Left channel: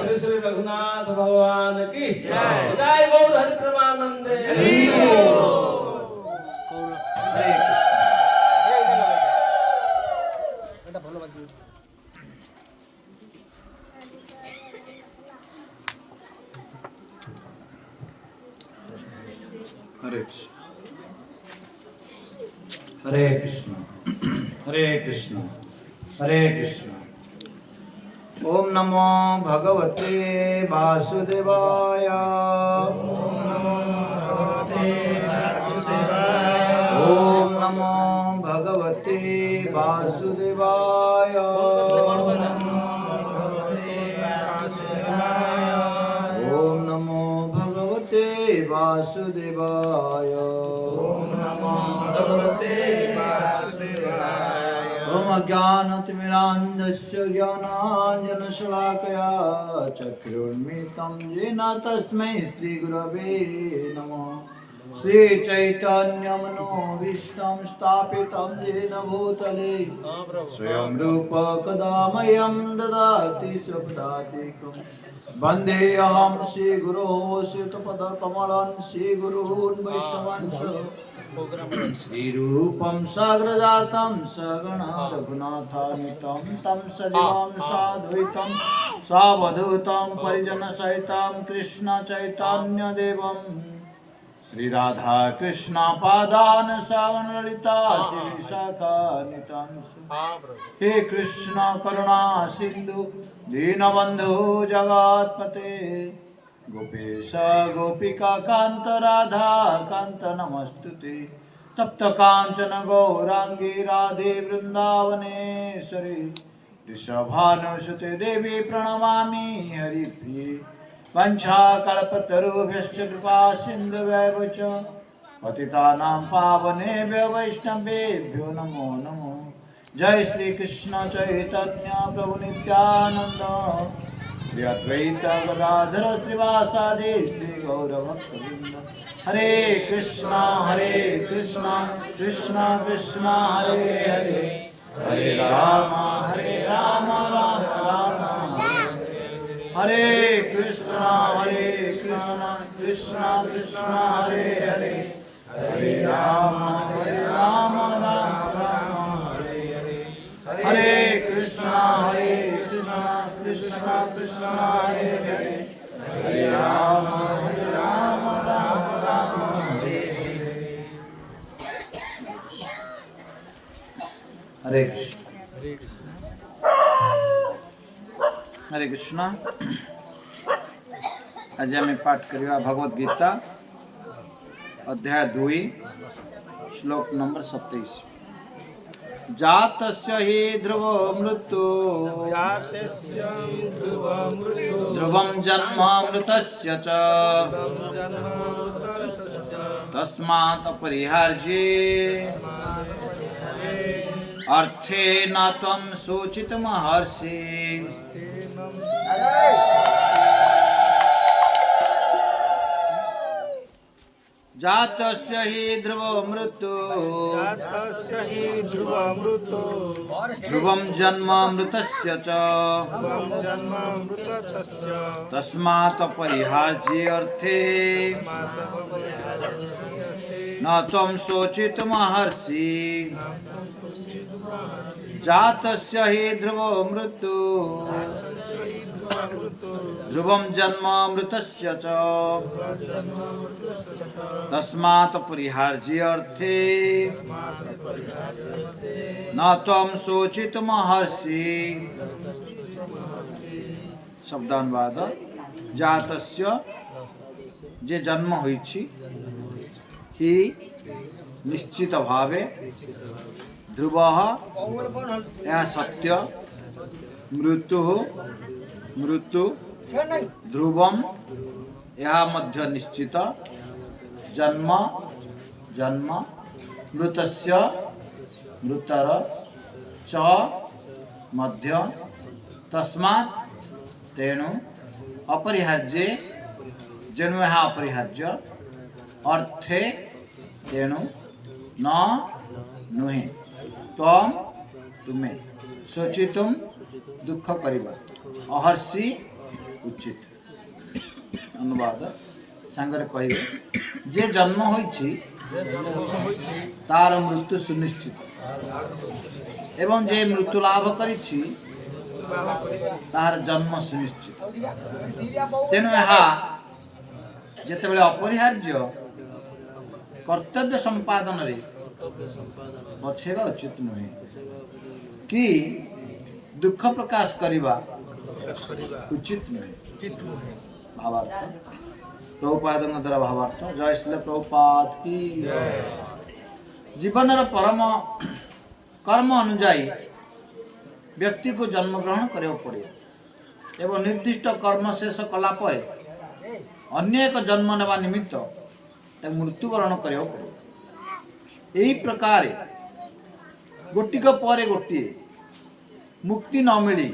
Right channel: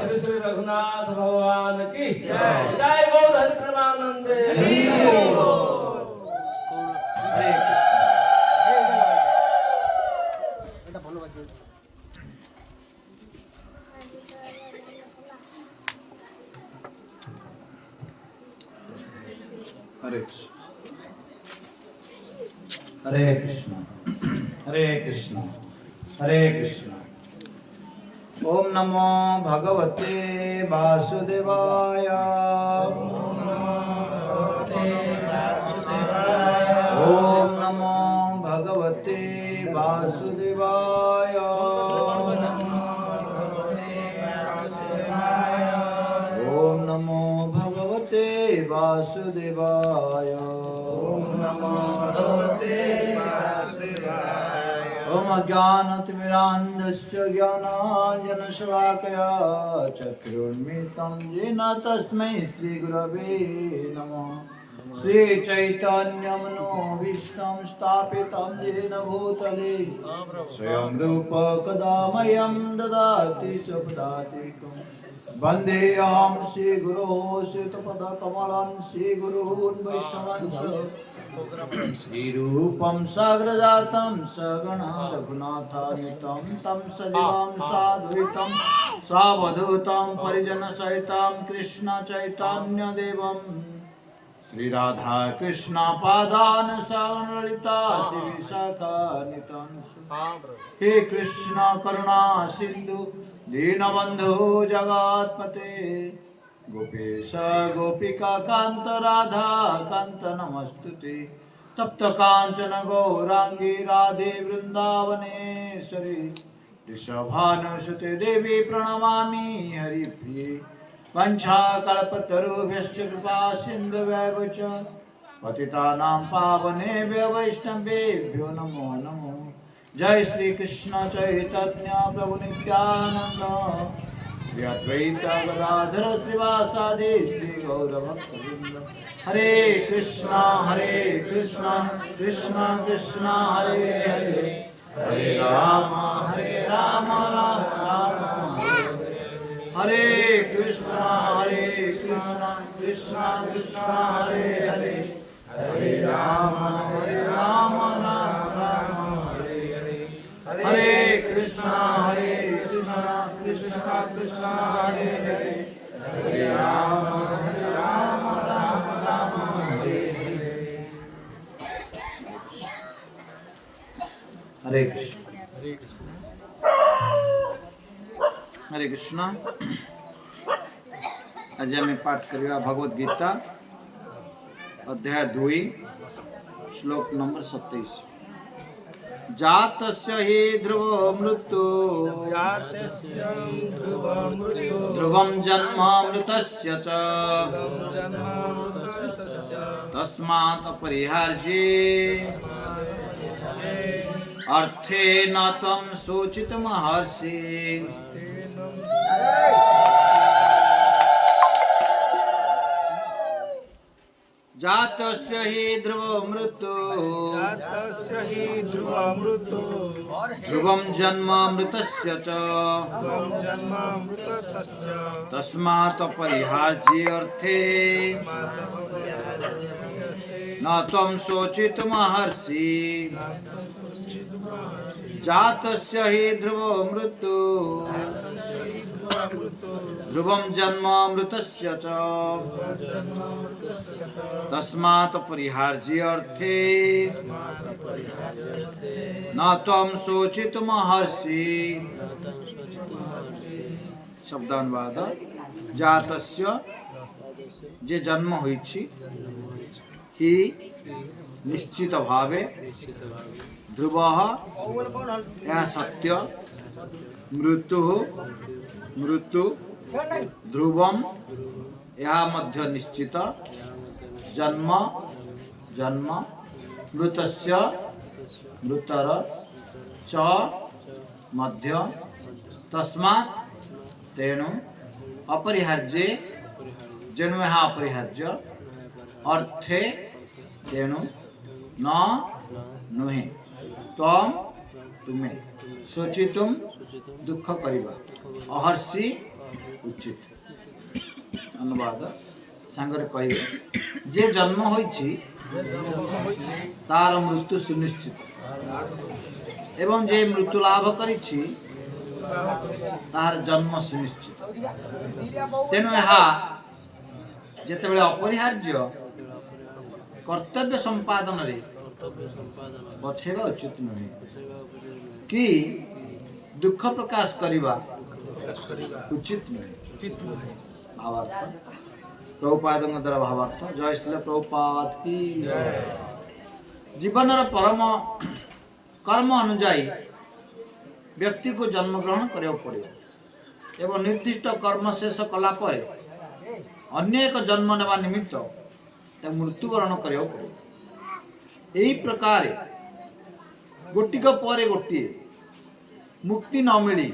श्री श्री रघुनाथ भगवान की जय। गौर हरि प्रेमानंदे। हरे हरे कृष्ण हरे कृष्ण हरे कृष्ण। ओम नमो भगवते वासुदेवाय। ओम नमो भगवते वासुदेवाय। ओम नमो भगवते वासुदेवाय। ओम अज्ञानतिमिरान्धस्य ज्ञानाञ्जनशलाकया चक्षुरुन्मिलितं येन तस्मै श्रीगुरवे नमः। श्रीचैतन्यमनोभीष्टं स्थापितं येन भूतले स्वयं रूप कदा मह्यं ददाति स्वपदातिकं। वन्देऽहं श्रीगुरो श्रीयुतपदकमलं श्रीगुरून् वैष्णवांश्च श्रीरूपं साग्रजातं सगण रघुनाथान्वितं तं सजीवं साद्वैतं सावधूतं परिजनसहितं कृष्ण चैतन्यदेवं श्री राधा कृष्ण पादान ललिता श्री विशाखा नितांश। हे कृष्ण करुणा सिंधु दीनबंधु जगत्पते गोपेश गोपिका कांत राधा कांत नमस्तुते। तप्त कांचन गौरांगी राधे वृंदावनेश्वरी वृषभानुसुते देवी प्रणमामि हरिप्रिये। वंशाकल्पतरुभ्यश्च कृपा सिन्धुभ्यः च पतितानां पावनेभ्यो वैष्णवेभ्यो नमो नमो। जय श्री कृष्ण चैतन्य प्रभु नित्यानंद श्री अद्वैत गदाधर श्रीवासादि श्री गौरभक्तवृंद। हरे कृष्णा कृष्णा कृष्णा हरे हरे हरे राम राम राम हरे कृष्णा कृष्णा कृष्णा हरे हरे हरे राम राम राम हरे हरे हरे कृष्णा कृष्णा कृष्णा हरे हरे हरे राम राम राम हरे हरे। हरे कृष्ण हरे कृष्ण। आज आम पाठ करवा भगवद गीता अध्याय 2 श्लोक नंबर 27। जातस्य हि ध्रुवो मृत्यु ध्रुवं जन्म मृतस्य च तस्मात् अपरिहार्ये अर्थे न त्वं सूचितमहर्षि। जातस्य हि ध्रुवो मृत्यु ध्रुवं जन्म मृतस्य च तस्मात् अपरिहार्ये अर्थे न त्वं शोचितुमर्हसि। जातस्य हि ध्रुवो मृत्यु ध्रुवं जन्म मृतस्य च तस्मात् अपरिहार्ये अर्थे न त्वं शोचितुमर्हसि। शब्दानुवाद। जातस्य जे जन्म होइछि हि निश्चित भावे ध्रुवः यह सत्य मृत्यु ध्रुवम यह मध्य निश्चित जन्म मृतस्य मृतर च मध्य तस्मात् तेणु अपरिहार्ये जेनु यह अपरिहार्य अर्थे तेणु न नुहे तम तुम्हें सोचितुम दुख करिबा अहर्षि उचित। अनुवाद सांगरे कहिबे जे जन्म होइछि तार मृत्यु सुनिश्चित एवं जे मृत्यु लाभ करिछि तार जन्म सुनिश्चित। तेणु यहाँ जेतेबेले अपरिहार्य कर्तव्य संपादन रे बछेबा उचित नुहे कि दुख प्रकाश करिबा उचित नुहे। भावार्थ प्रभुपाद द्वारा भावार्थ। जय श्री प्रभुपाद की। जीवन परम कर्म अनुजाई व्यक्ति को जन्म ग्रहण करिया पड़े एवं निर्दिष्ट कर्म शेष कला परे अन्य एक जन्म नेबा निमित्त मृत्युवरण करिया पड़े। यही प्रकार गोटिक परे गोटे मुक्ति न मिली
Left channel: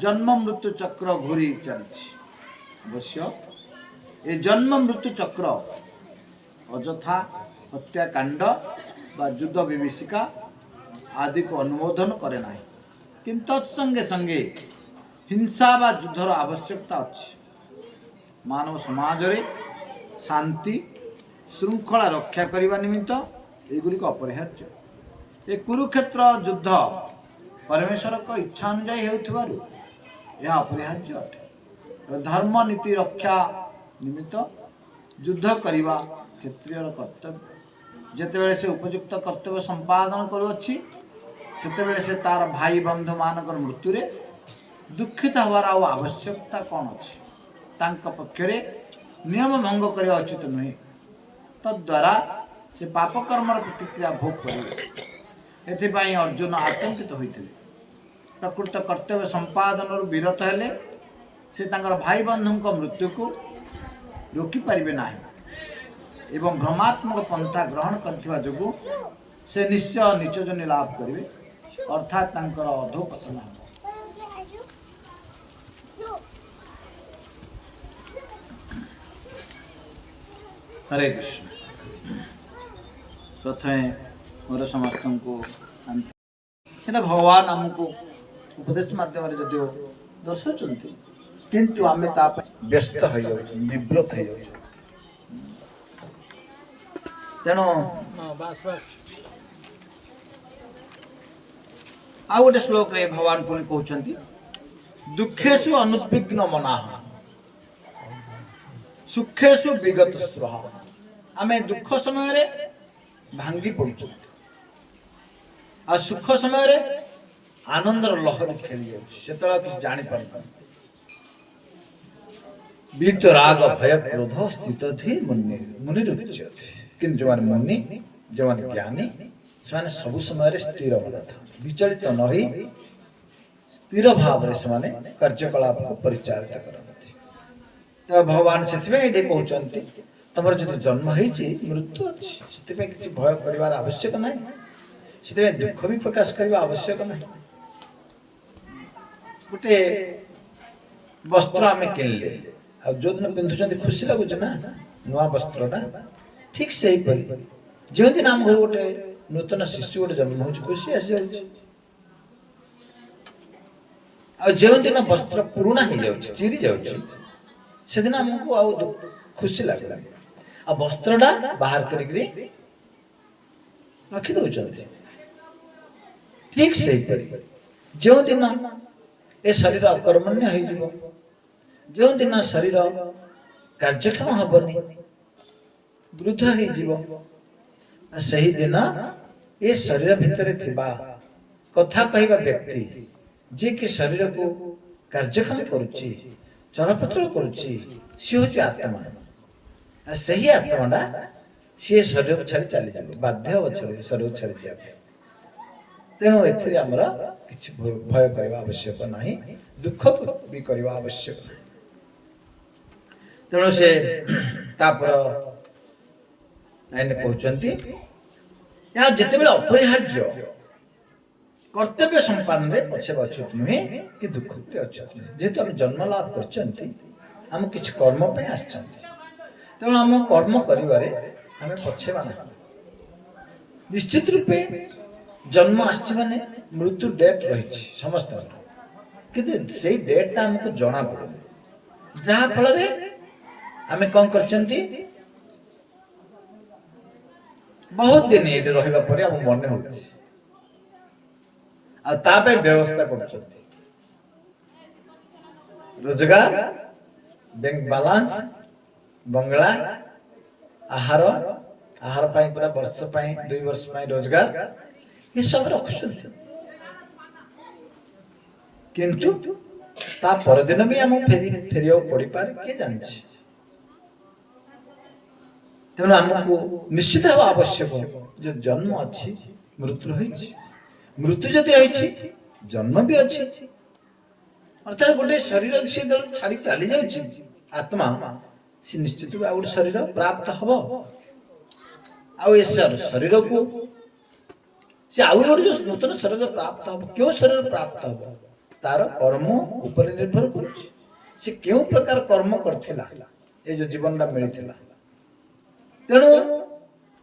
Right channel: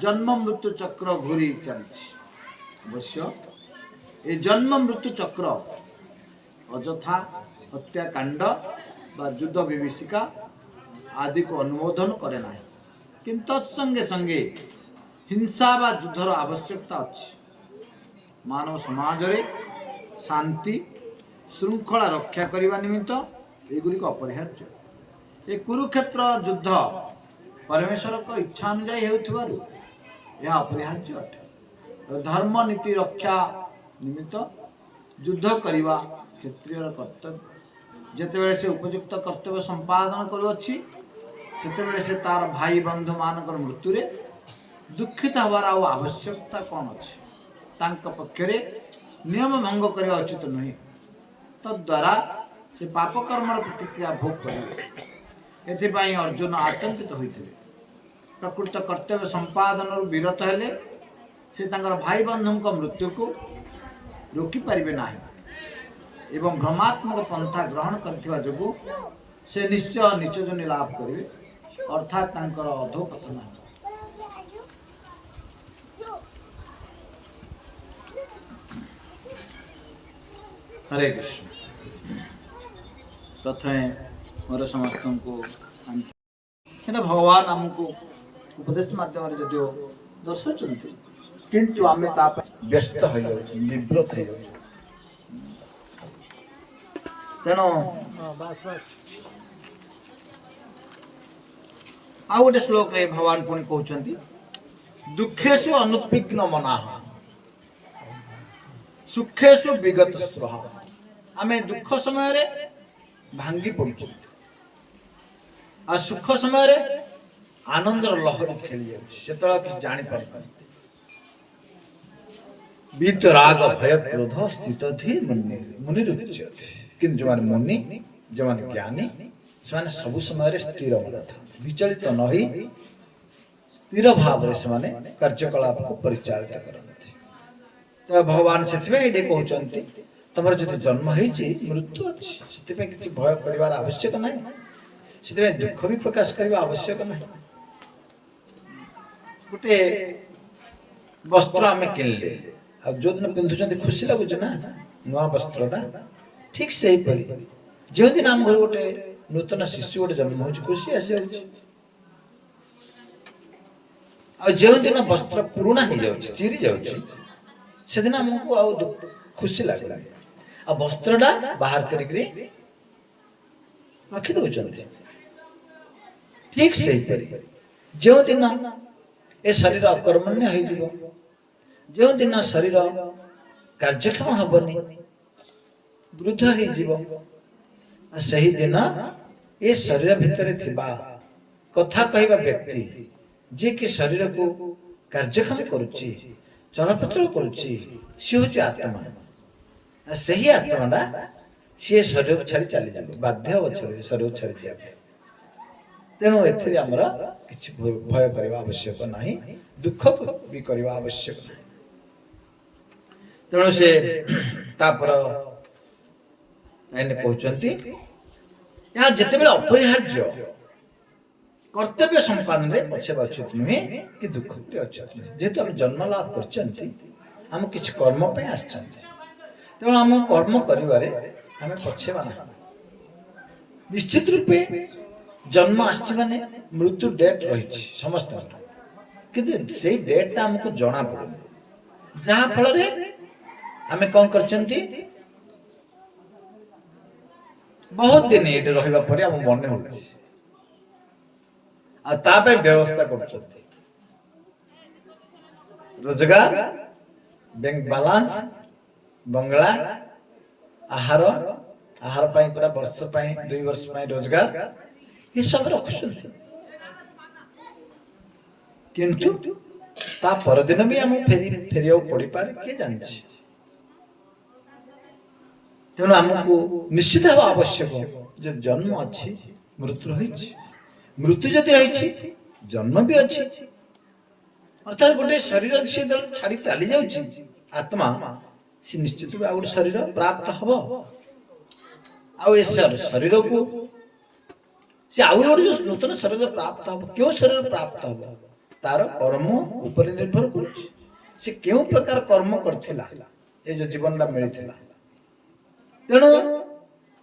जन्म मृत्यु चक्र घूरी चलछि। अवश्य ये जन्म मृत्यु चक्र अजथा हत्याकांड बा युद्ध विभीषिका आदि को अनुमोदन करे ना, किंतु संगे संगे हिंसा बा युद्धर आवश्यकता अच्छी। मानव समाज रे शांति श्रृंखला रक्षा करने निमित्त एगुड़िक अपरिहार्य। ये कुरुक्षेत्र युद्ध परमेश्वर को इच्छा अनुजाई होउथिबारु यह अपरिहार्य अटे। धर्म नीति रक्षा निमित्त युद्ध करवा क्षत्रियर कर्तव्य जितेबले से उपयुक्त कर्तव्य संपादन करुच्ची सेतेबेले से तार भाई बंधु मानकर मृत्यु रे दुखित हवार आवश्यकता कौन अच्छी तांका पक्षरे नियम भंग करने उचित नुहे तद्वारा से पाप कर्मर प्रतिक्रिया भोग करेंगे एथिपाई अर्जुन आतंकित होते प्रकृत कर्तव्य संपादन विरत हेले से तांकर भाई बंधु मृत्यु को रोकी पारिबे नाही एवं भ्रमात्मक पंथा ग्रहण करथिबा जोगु से निश्चय नीच जनि लाभ करिवे अर्थात तांकर अधोपतन हेबो। हरे कृष्ण। प्रथमे मोर समस्त को भगवान आमको उपदेश माध्यम जदिव दर्शाउछन्ति किंतु आमे ताप व्यस्त हो जाउछ विव्रत हो जाउछ तेणु आ गोटे श्लोक रे भगवान पुणी कहउछन्ति दुखेषु अनुद्विग्न मनाः सुखेषु विगत स्पृह आमे दुख समय रे भांगी पड़ुछ आ सुख समय रे आनंदर लहरी खेली जाउछ सेतला कि जानि पारबा बीत राग भय क्रोध स्थित थी मुनि रुच्यते किंतु जो मुनि जो ज्ञानी से सब समय स्थिर मन था विचलित न हो स्थिर भाव से कार्यकलाप को परिचालित करते तो भगवान से कहते तुम जो जन्म हो मृत्यु अच्छी से किसी भय कर आवश्यक ना से दुख भी प्रकाश करने आवश्यक ना गोटे वस्त्र आम किणले आ जो दिन पिंधुं खुशी लगुच ना नुआ वस्त्रटा ठीक से ही परी जो दिन आम घर गोटे नूतन शिशु गोटे जन्म हो खुशी आसी जाऊँ आ जो दिन वस्त्र पुराणा हो जाऊँ चिरी जाऊँ से दिन आमको आ खुशी लगला आ वस्त्रटा बाहर करी रखी दौरान ठीक से ही परी जो दिन ए शरीर अकर्मण्य हो जो दिन शरीर कार्यक्षम हेनी वृद्ध हो सही दिन ये शरीर भितर थिबा कथा कहवा व्यक्ति जे कि शरीर को कार्यक्षम करुच्ची चलप्रचल करुच्ची सी हूँ आत्मा सही आत्माटा सी शरीर को छाड़ी चली जाए बाध्य हम शरीर को छाड़ी जाए तेणु एमर किसी भय करने आवश्यक ना दुख भी करने आवश्यक ना तेणु से तापर कहते यहाँ जिते बड़े अपरिहार्य कर्तव्य संपादन में पछे अच्युत नुहे कि दुख अच्युत नुहे जेहेतु आम जन्म लाभ कर किसी कर्म पे तेणु आम कर्म करें पछेवा ना निश्चित रूपे जन्म आने मृत्यु डेट रही समस्त किंतु से डेटा आमको जना पड़े जहाँ फल आम कौन कर बहुत दिन ये रहा पर मन हो व्यवस्था कर रोजगार बैंक बालांस बंगला आहार आहार पूरा वर्ष 2 वर्ष रोजगार ये सब रखुं किंतु ता परदिन भी आम फेरिया पड़ पारे किए जानी तेणु आमको निश्चित भाव आवश्यक जो जन्म अच्छी मृत्यु रही मृत्यु जदि रही जन्म भी अच्छी अर्थात गोटे शरीर से छाड़ी चली जाऊँ आत्मा सी निश्चित भाव गोटे शरीर प्राप्त हम आ शरीर को सी आउ गोटे जो नूतन शरीर प्राप्त हम क्यों शरीर प्राप्त हम तार कर्म उपर निर्भर कर क्यों प्रकार कर्म करथिला ए जो जीवन मिलता तेणु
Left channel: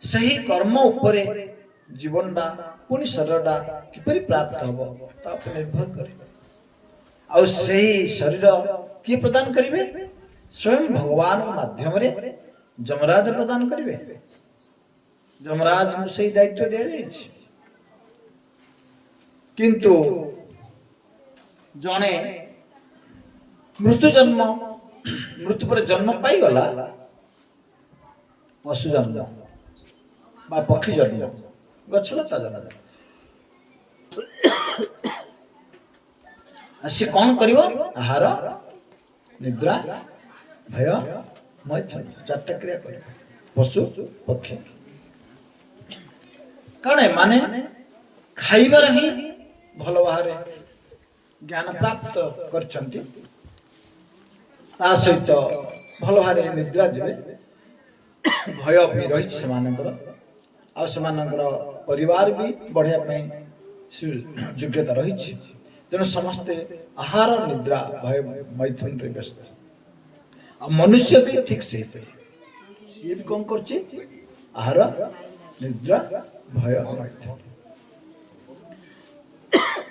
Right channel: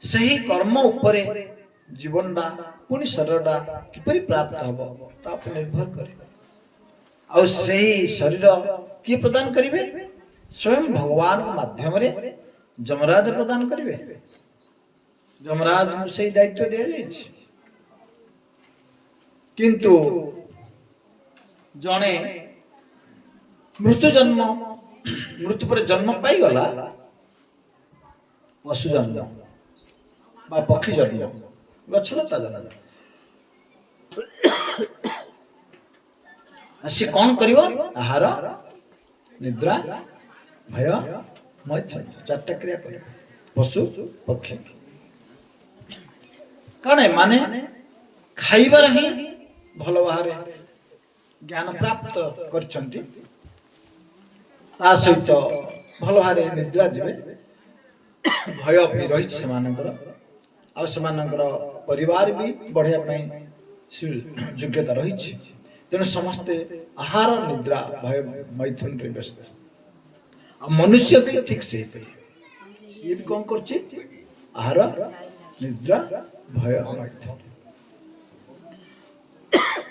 सही कर्म उपरे जीवनटा पुणी शरीरटा किपरि प्राप्त हम निर्भर करे आ शरीर किए प्रदान करेंगे स्वयं भगवान माध्यम रे जमराज प्रदान करेंगे जमराज को सही दायित्व दिया जाए किंतु जड़े मृत्यु जन्म मृत्यु पर जन्म पाई गला ପଶୁ ଜନ୍ମ ବା ପକ୍ଷୀ ଜନ୍ମ ଗଛଲତା ଜନ୍ମ। ସେ କଣ କରିବ? ଆହାର, ନିଦ୍ରା, ଭୟ, ମୈଥୁନ, 4ଟା କ୍ରିୟା କରିବ ପଶୁ ପକ୍ଷୀ। କାରଣ ଏମାନେ ଖାଇବାର ହିଁ ଭଲ ଭାବରେ ଜ୍ଞାନ ପ୍ରାପ୍ତ କରିଛନ୍ତି, ତା ସହିତ ଭଲ ଭାବରେ ନିଦ୍ରା ଯିବେ, ଭୟ ବି ରହିଛି ସେମାନଙ୍କର, ଆଉ ସେମାନଙ୍କର ପରିବାର ବି ବଢ଼ିବା ପାଇଁ ଯୋଗ୍ୟତା ରହିଛି। ତେଣୁ ସମସ୍ତେ ଆହାର, ନିଦ୍ରା, ଭୟ, ମୈଥୁନରେ ବ୍ୟସ୍ତ। ଆଉ ମନୁଷ୍ୟ ବି ଠିକ ସେହିପରି, ସିଏ ବି କଣ କରୁଛି? ଆହାର, ନିଦ୍ରା, ଭୟ, ମୈଥୁନ।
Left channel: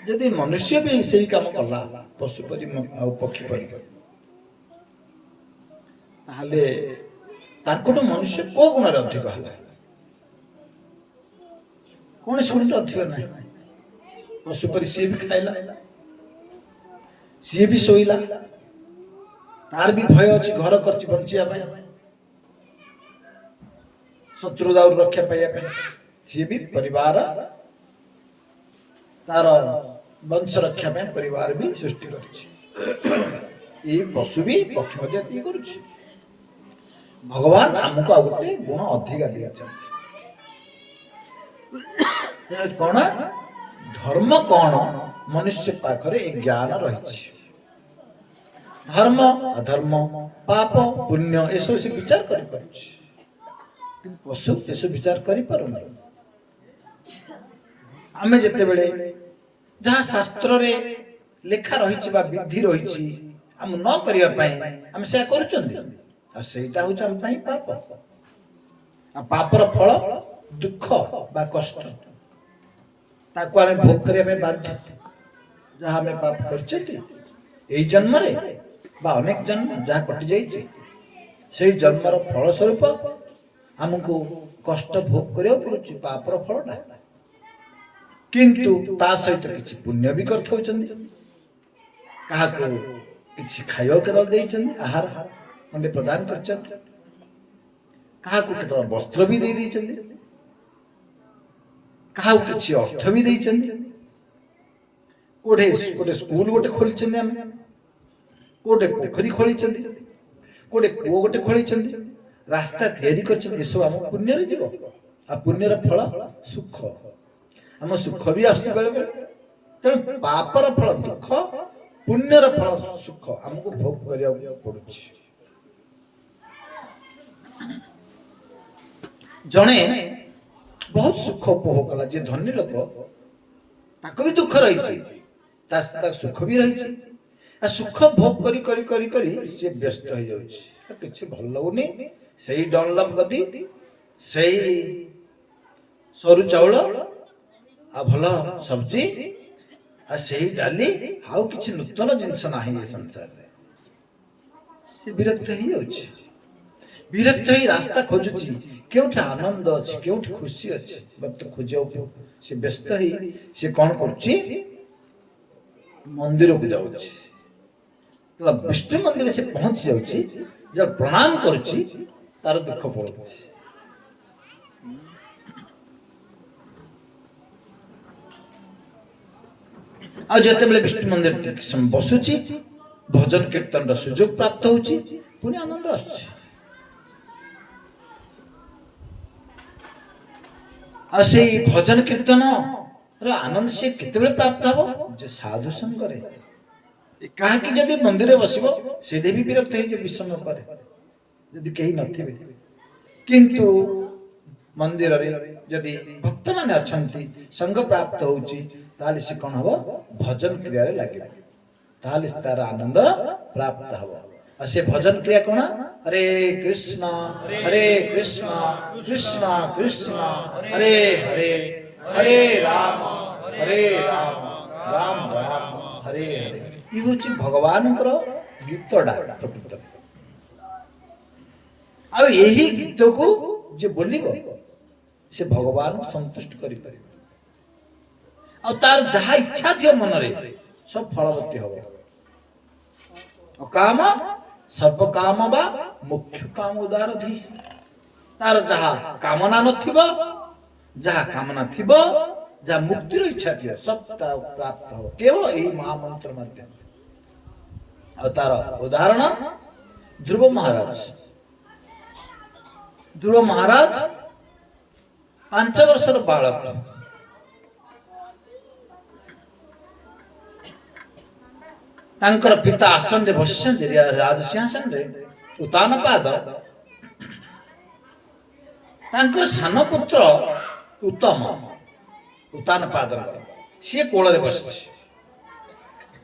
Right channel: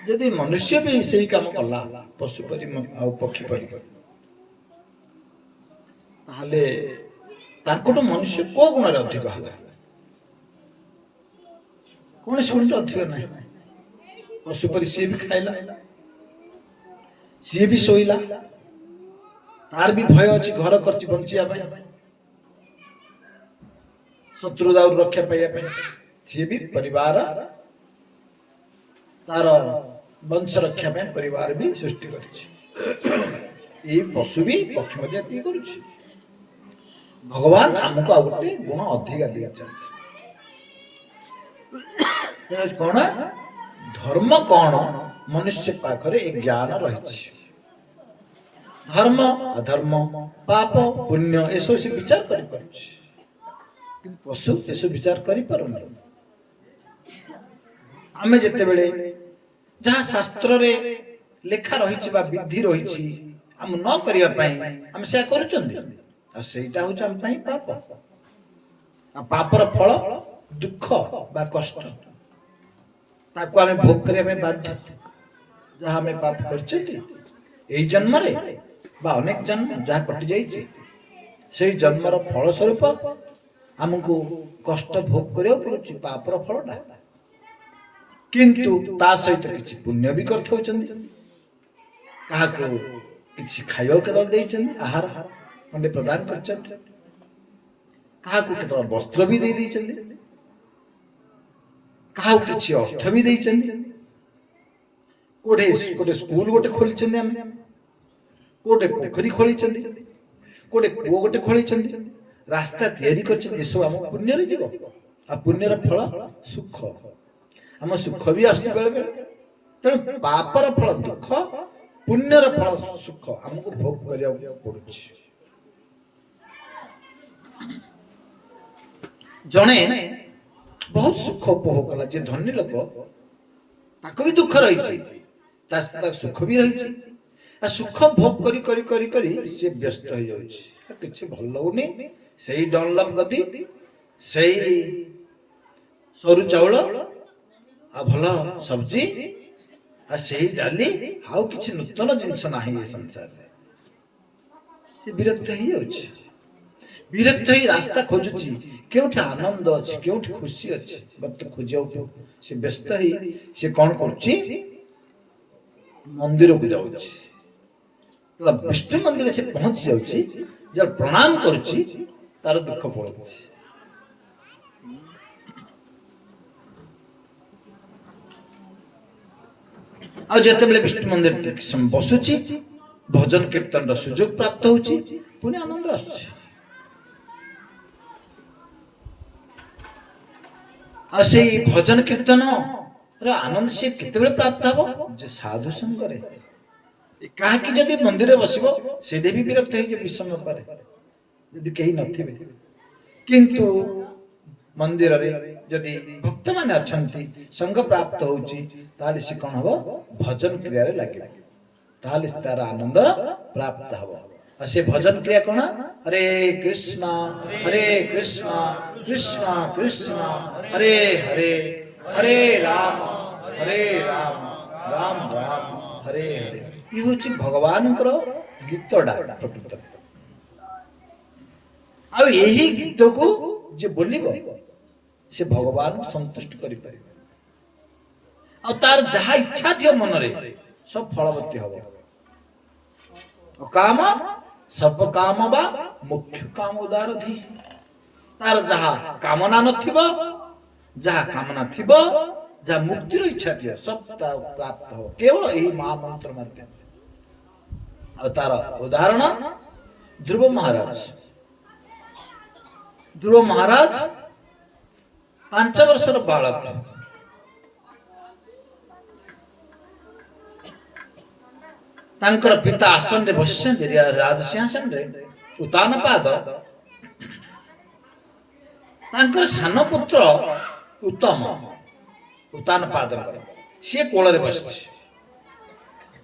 ଯଦି ମନୁଷ୍ୟ ବି ସେଇ କାମ କଲା ପଶୁ ପରି ଆଉ ପକ୍ଷୀ ପରି, ତାହେଲେ ତାଙ୍କଠୁ ମନୁଷ୍ୟ କୋଉ ଗୁଣରେ ଅଧିକ ହେଲା? କୌଣସି ଗୁଣରେ ଅଧିକ ନାହିଁ। ପଶୁ ପରି ସିଏ ବି ଖାଇଲା, ସିଏ ବି ଶୋଇଲା, ତାର ବି ଭୟ ଅଛି, ଘର କରିଛି ବଞ୍ଚିବା ପାଇଁ, ଶତ୍ରୁ ଦାଉରୁ ରକ୍ଷା ପାଇବା ପାଇଁ। ସିଏ ବି ପରିବାର, ତାର ବଂଶ ରକ୍ଷା ପାଇଁ ପରିବାର ବି ସୃଷ୍ଟି କରିଛି। ଏଇ ପଶୁ ବି ପକ୍ଷୀ ମଧ୍ୟ ଏତିକି କରୁଛି। ଭଗବାନ ଆମକୁ ଆଉ ଗୋଟେ ଗୁଣ ଅଧିକା ଦେଇଛନ୍ତି। କଣ? ଧର୍ମ କଣ? ମନୁଷ୍ୟ ପାଖରେ ଏ ଜ୍ଞାନ ରହିଛି। ଧର୍ମ, ଅଧର୍ମ, ପାପ, ପୁଣ୍ୟ ଏସବୁ ସେ ବିଚାର କରିପାରୁଛି, କିନ୍ତୁ ପଶୁ ଏସବୁ ବିଚାର କରିପାରୁନି। ଆମେ ଯେତେବେଳେ ଯାହା ଶାସ୍ତ୍ରରେ ଲେଖା ରହିଛି ବା ବିଧି ରହିଛି ଆମ ନ କରିବା ପାଇଁ ଆମେ ସେୟା କରୁଛନ୍ତି, ଆଉ ସେଇଟା ହଉଛି ଆମ ପାଇଁ ପାପ। ଆଉ ପାପର ଫଳ ଦୁଃଖ ବା କଷ୍ଟ, ତାକୁ ଆମେ ଭୋଗ କରିବା ପାଇଁ ବାଧ୍ୟ। ଯାହା ଆମେ ପାପ କରିଛନ୍ତି ଏଇ ଜନ୍ମରେ ବା ଅନେକ ଜନ୍ମ ଯାହା କଟି ଯାଇଛି, ସେଇ ଜନ୍ମର ଫଳ ସ୍ୱରୂପ ଆମକୁ କଷ୍ଟ ଭୋଗ କରିବାକୁ ପଡୁଛି, ପାପର ଫଳଟା। କିନ୍ତୁ ତା ସହିତ କିଛି ପୁଣ୍ୟ ବି କରିଥାଉଛନ୍ତି। କାହାକୁ କିଛି ଖାଇବାକୁ କେତେବେଳେ ଦେଇଛନ୍ତି, ଆହାର ଖଣ୍ଡେ ପ୍ରଦାନ କରିଛନ୍ତି, କାହାକୁ କେତେବେଳେ ବସ୍ତ୍ର ବି ଦେଇ ଦେଇଛନ୍ତି, କାହାକୁ କିଛି ଅର୍ଥ ବି ଦେଇଛନ୍ତି, ଗୋଟେ ସ୍କୁଲ ଗୋଟେ ଖୋଲିଛନ୍ତି, ଆମେ ଗୋଟେ ପୋଖରୀ ଖୋଳିଛନ୍ତି, ଗୋଟେ କୂଅ ଗୋଟେ ଖୋଳିଛନ୍ତି, ରାସ୍ତା ତିଆରି କରିଛନ୍ତି। ଏସବୁ ଆମ ପୁଣ୍ୟରେ ଯିବ। ଆଉ ପୁଣ୍ୟର ଫଳ ସୁଖ, ଆମ ସୁଖ ବି ଆସୁଛି ବେଳେ ବେଳେ। ତେଣୁ ପାପର ଫଳ ଦୁଃଖ, ପୁଣ୍ୟର ଫଳ ସୁଖ ଆମକୁ ଭୋଗ କରିବାକୁ ପଡୁଛି। ଜଣେ ବହୁତ ସୁଖ ଉପଭୋଗ କଲା, ଯିଏ ଧନୀ ଲୋକ, ତାକୁ ବି ଦୁଃଖ ରହିଛି, ତା ସୁଖ ବି ରହିଛି। ଆଉ ସୁଖ ଭୋଗ କରି କରି କରି କରି ସିଏ ବ୍ୟସ୍ତ ହେଇଯାଉଛି, କିଛି ଭଲ ଲାଗୁନି। ସେଇ ଡନଲପ ଗଦି, ସେଇ ସରୁ ଚାଉଳ, ଆଉ ଭଲ ସବଜି, ଆଉ ସେଇ ଡାଲି, ଆଉ କିଛି ନୂତନ ଜିନିଷ ନାହିଁ ଏ ସଂସାରରେ। ସେ ବିରକ୍ତ ହେଇଯାଉଛି। ବିରକ୍ତ ହେଇ ରାସ୍ତା ଖୋଜୁଛି, କେଉଁଠି ଆନନ୍ଦ ଅଛି, କେଉଁଠି ଖୁସି ଅଛି, ଖୋଜିବାକୁ ସେ ବ୍ୟସ୍ତ ହେଇ ସେ କଣ କରୁଛି? ମନ୍ଦିରକୁ ଯାଉଛି। ବିଷ୍ଣୁ ମନ୍ଦିରରେ ସେ ପହଞ୍ଚି ଯାଉଛି, ଯାହା ପ୍ରଣାମ କରୁଛି, ତାର ଦୁଃଖ ପଳଉଛି। ଆଉ ଯେତେବେଳେ ବିଷ୍ଣୁ ମନ୍ଦିର ଟିକେ ସମୟ ବସୁଛି, ଭଜନ କୀର୍ତ୍ତନର ସୁଯୋଗ ପ୍ରାପ୍ତ ହଉଛି, ପୁଣି ଆନନ୍ଦ ଆସୁଛି। ଆଉ ସେଇ ଭଜନ କୀର୍ତ୍ତନ ଆନନ୍ଦ ସେ କେତେବେଳେ ପ୍ରାପ୍ତ ହବ? ଯେ ସାଧୁ ସଙ୍ଗରେ। କାହାକି ଯଦି ମନ୍ଦିରରେ ବସିବ, ସେଠି ବି ବିରକ୍ତ ହେଇଯିବ, ବିଷମ ପରେ ଯଦି କେହି ନଥିବେ। କିନ୍ତୁ ମନ୍ଦିରରେ ଯଦି ଭକ୍ତମାନେ ଅଛନ୍ତି, ସଙ୍ଗ ପ୍ରାପ୍ତ ହଉଛି, ତାହେଲେ ସେ କଣ ହବ? ଭଜନ କ୍ରିୟାରେ ଲାଗିବ, ତାହେଲେ ତାର ଆନନ୍ଦ ପ୍ରାପ୍ତ ହବ। ଆଉ ସେ ଭଜନ କ୍ରିୟା କଣ? ହରେ କୃଷ୍ଣ କୃଷ୍ଣ କୃଷ୍ଣ ହରେ ହରେ, ହରେ ରାମ ରାମ ରାମ ହରେ ହରେ। ଇଏ ହଉଛି ଭଗବାନଙ୍କର ଗୀତଟା ପ୍ରକୃତରେ। ଆଉ ଏହି ଗୀତକୁ ଯେ ବୋଲିବ, ସେ ଭଗବାନଙ୍କୁ ସନ୍ତୁଷ୍ଟ କରିପାରିବ। ଆଉ ତାର ଯାହା ଇଚ୍ଛା ଥିବ ମନରେ, ସବୁ ଫଳବତୀ ହବ। ଅକାମ ସର୍ବ କାମ ବା ମୁଖ୍ୟ କାମ ଉଦାର ଧି। तार जहा कामना नथिब जहा कामना थिब जहा मुक्तिर इच्छा थिब सब प्राप्त हो केवल यही महामंत्र माध्यम। और तार उदाहरण ध्रुव महाराज। ध्रुव महाराज 5 वर्षर बालक तांकर पिता आसन रे बसिଛନ୍ତି राज सिंहासन रे उतानपाद तांकर सान पुत्र उत्तम उतानपाद सी कोल रे बसिଛି।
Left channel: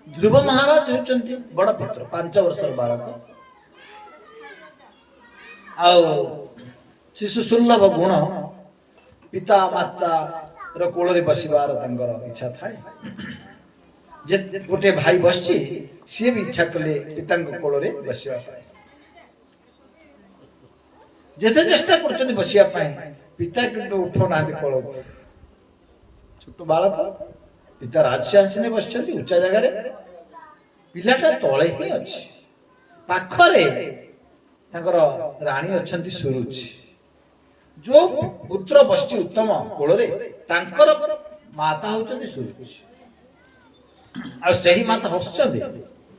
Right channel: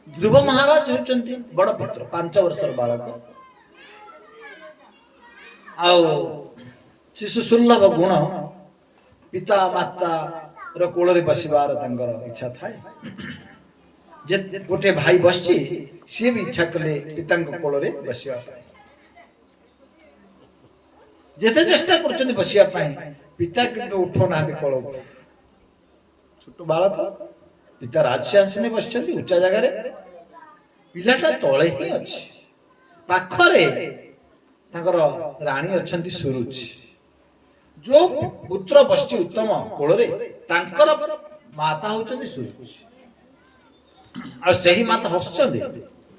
ध्रुव महाराज होचंती बड़ पुत्र 5 वर्षर बालक आउ शिशु सुलभ गुण पिता माता रो कोल रे बसिबार तांकर इच्छा थाए। जे गोटे भाई बसची सी भी इच्छा कले पिता कोल रे बसिबा पाए जेते चेष्टा करछन बसिया पाए पिता किंतु उठो ना दे कोल छोट बालक पिता राजसिंहासने बसछंती उच्चा जगह रे पिलाटा तळे ही अछि पाखरे तांकर रानी अछंती सुरुच जो पुत्र बसची उत्तम कोल रे तांकर माता होचंती सुरुच और सही माता हसुଛନ୍ତି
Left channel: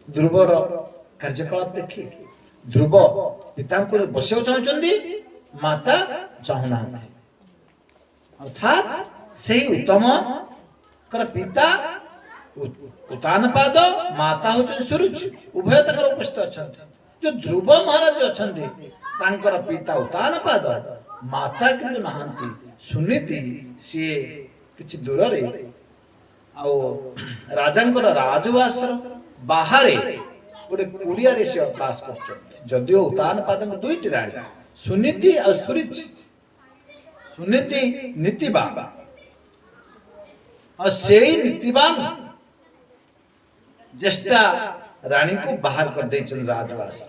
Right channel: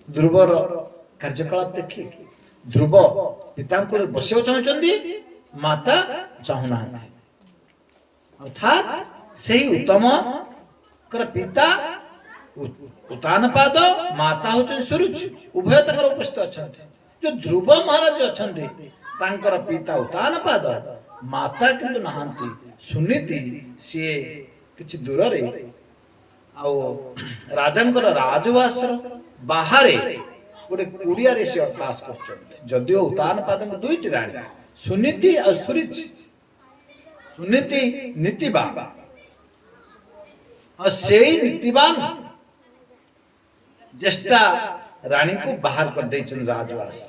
ध्रुवर कार्यकलाप देखि ध्रुव पिता को बसिବାକୁ चाहुଛନ୍ତି माता चाहुनाहाନ୍ତି अर्थात सही उत्तम कर पिता उतानपाद माता होचन सुरुच उभय तकर उपस्थित अछंती। जो ध्रुव महाराज अछंती तांकर पिता उतानपाद माता किंतु नाहांती सुनीति सी किछि दूर रे आउ राजांकर राजवासर बाहरे गोटे कुड़िया रे से बास करछन। जदियो उतानपाद दुईटी राणी सुनीति और सुरुचि सुनीति नीतिवान और सेई नीतिवान ज्येष्ठा रानी को बाहर कर देछन राजवास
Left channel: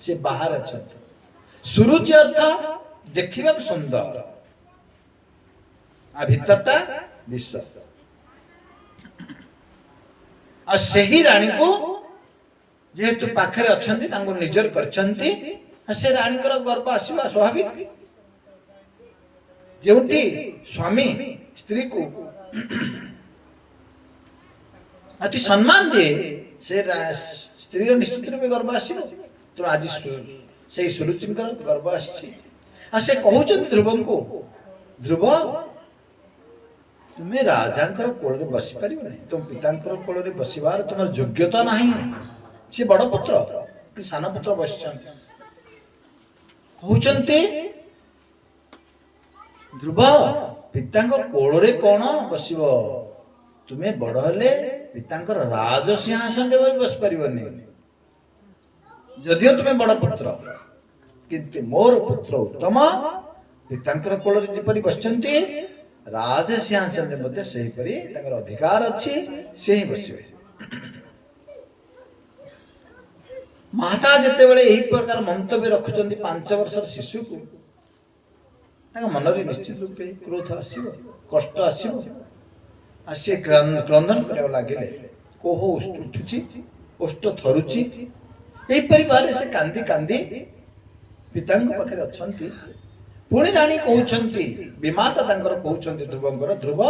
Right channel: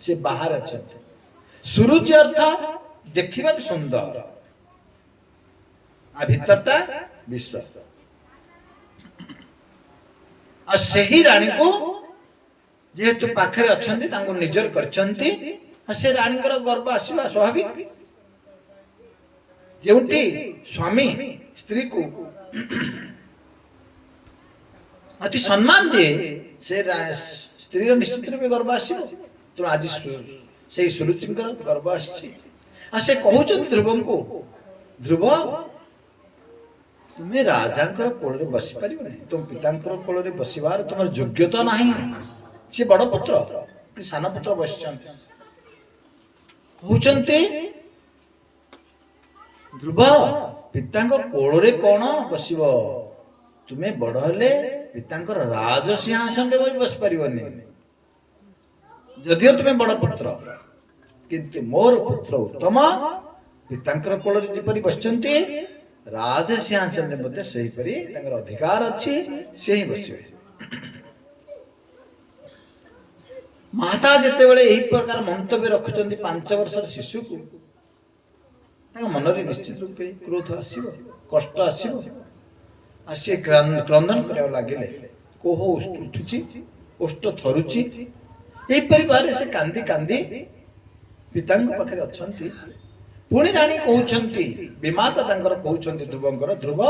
से बाहर अछन। सुरुचि अर्थ देखिबा सुंदर आ भीतरटा विश्व आ सही रानी को जेहेतु पाखरे अछंती तांको निजर करछंती आ से रानी कर गर्व आसीबा स्वाभाविक। जेउटी स्वामी स्त्री को अति सम्मान दे से स्त्री निश्चित रूप गर्व आसीबो। तो आज से सुरुचिंकर गर्व आसी आ से कहउछंती ध्रुव को ध्रुव तुम्हें राजांकर कोल रे बसी परिबो नै तुम पितांकर कोल रे बसिबार तुमर योग्यता नाही। से बड़ पुत्र कि सान पुत्र बसिछंती कहउछंती ध्रुव पितांक कोल रे कोन बसिबो तुम्हें बड़ हेले पितांकर राज सिंहासन रे बसि परिबो नै। जदियो तुम्हें बड़ पुत्र किंतु मोर पुत्र उत्तम पितांकर कोल रे जेपरि बसिछंती राज सिंहासन मध्ये सही परी तांकर अधिकार अछि से ही बसिबे। माता जेते बेले एही प्रकार मंतव्य रखुचंती 5 वर्षर शिशु को तांक मन रे निश्चित रूपे क्रोध आसीबो कष्ट आसीबो आ से क्रंदन करे लागिले कोह उठुची ओष्ट थरुची एही परिवार से कांदी कांदी पितांक पाखरे अछंती। पुणी रानी कहउछंती विमाता तांकर कहउछंती ध्रुवंकर ध्रुव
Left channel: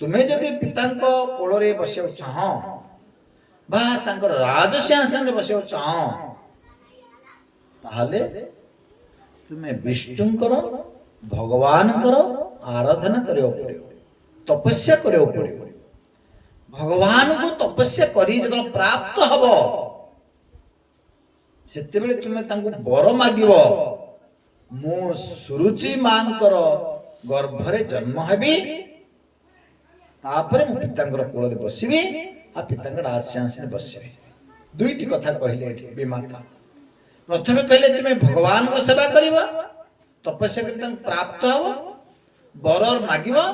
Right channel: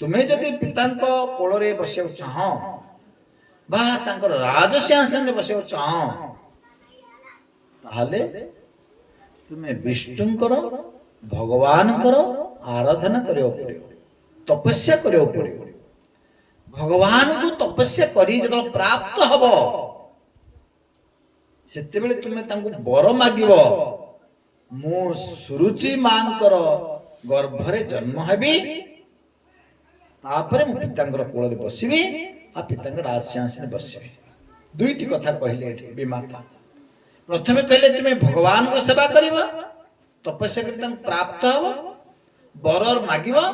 तुम्हें जदि पितांक कोल रे बसिया चाह बा तांकर राज सिंहासन रे बसिया चाह ताहाले तुम्हें विष्णुंकर भगवानकर आराधना करियो पड़ियो तपस्या करियो पड़ियो। भगवान को तपस्या करी जब प्राप्त हबो सेते बेले तुम्हें तांको बर मागिबो मु सुरुचि मांकर गर्भरे जन्म हेबी तापरे मु पितांकर कोल रे बसिबी आ पितांकर राज सिंहासन बसिबी। दुईटी कथा कहले एठी विमाता प्रथमे कहले तुमे भगवान को सेवा करिबो तपस्या करि तांको प्राप्त हबो बर मागिबो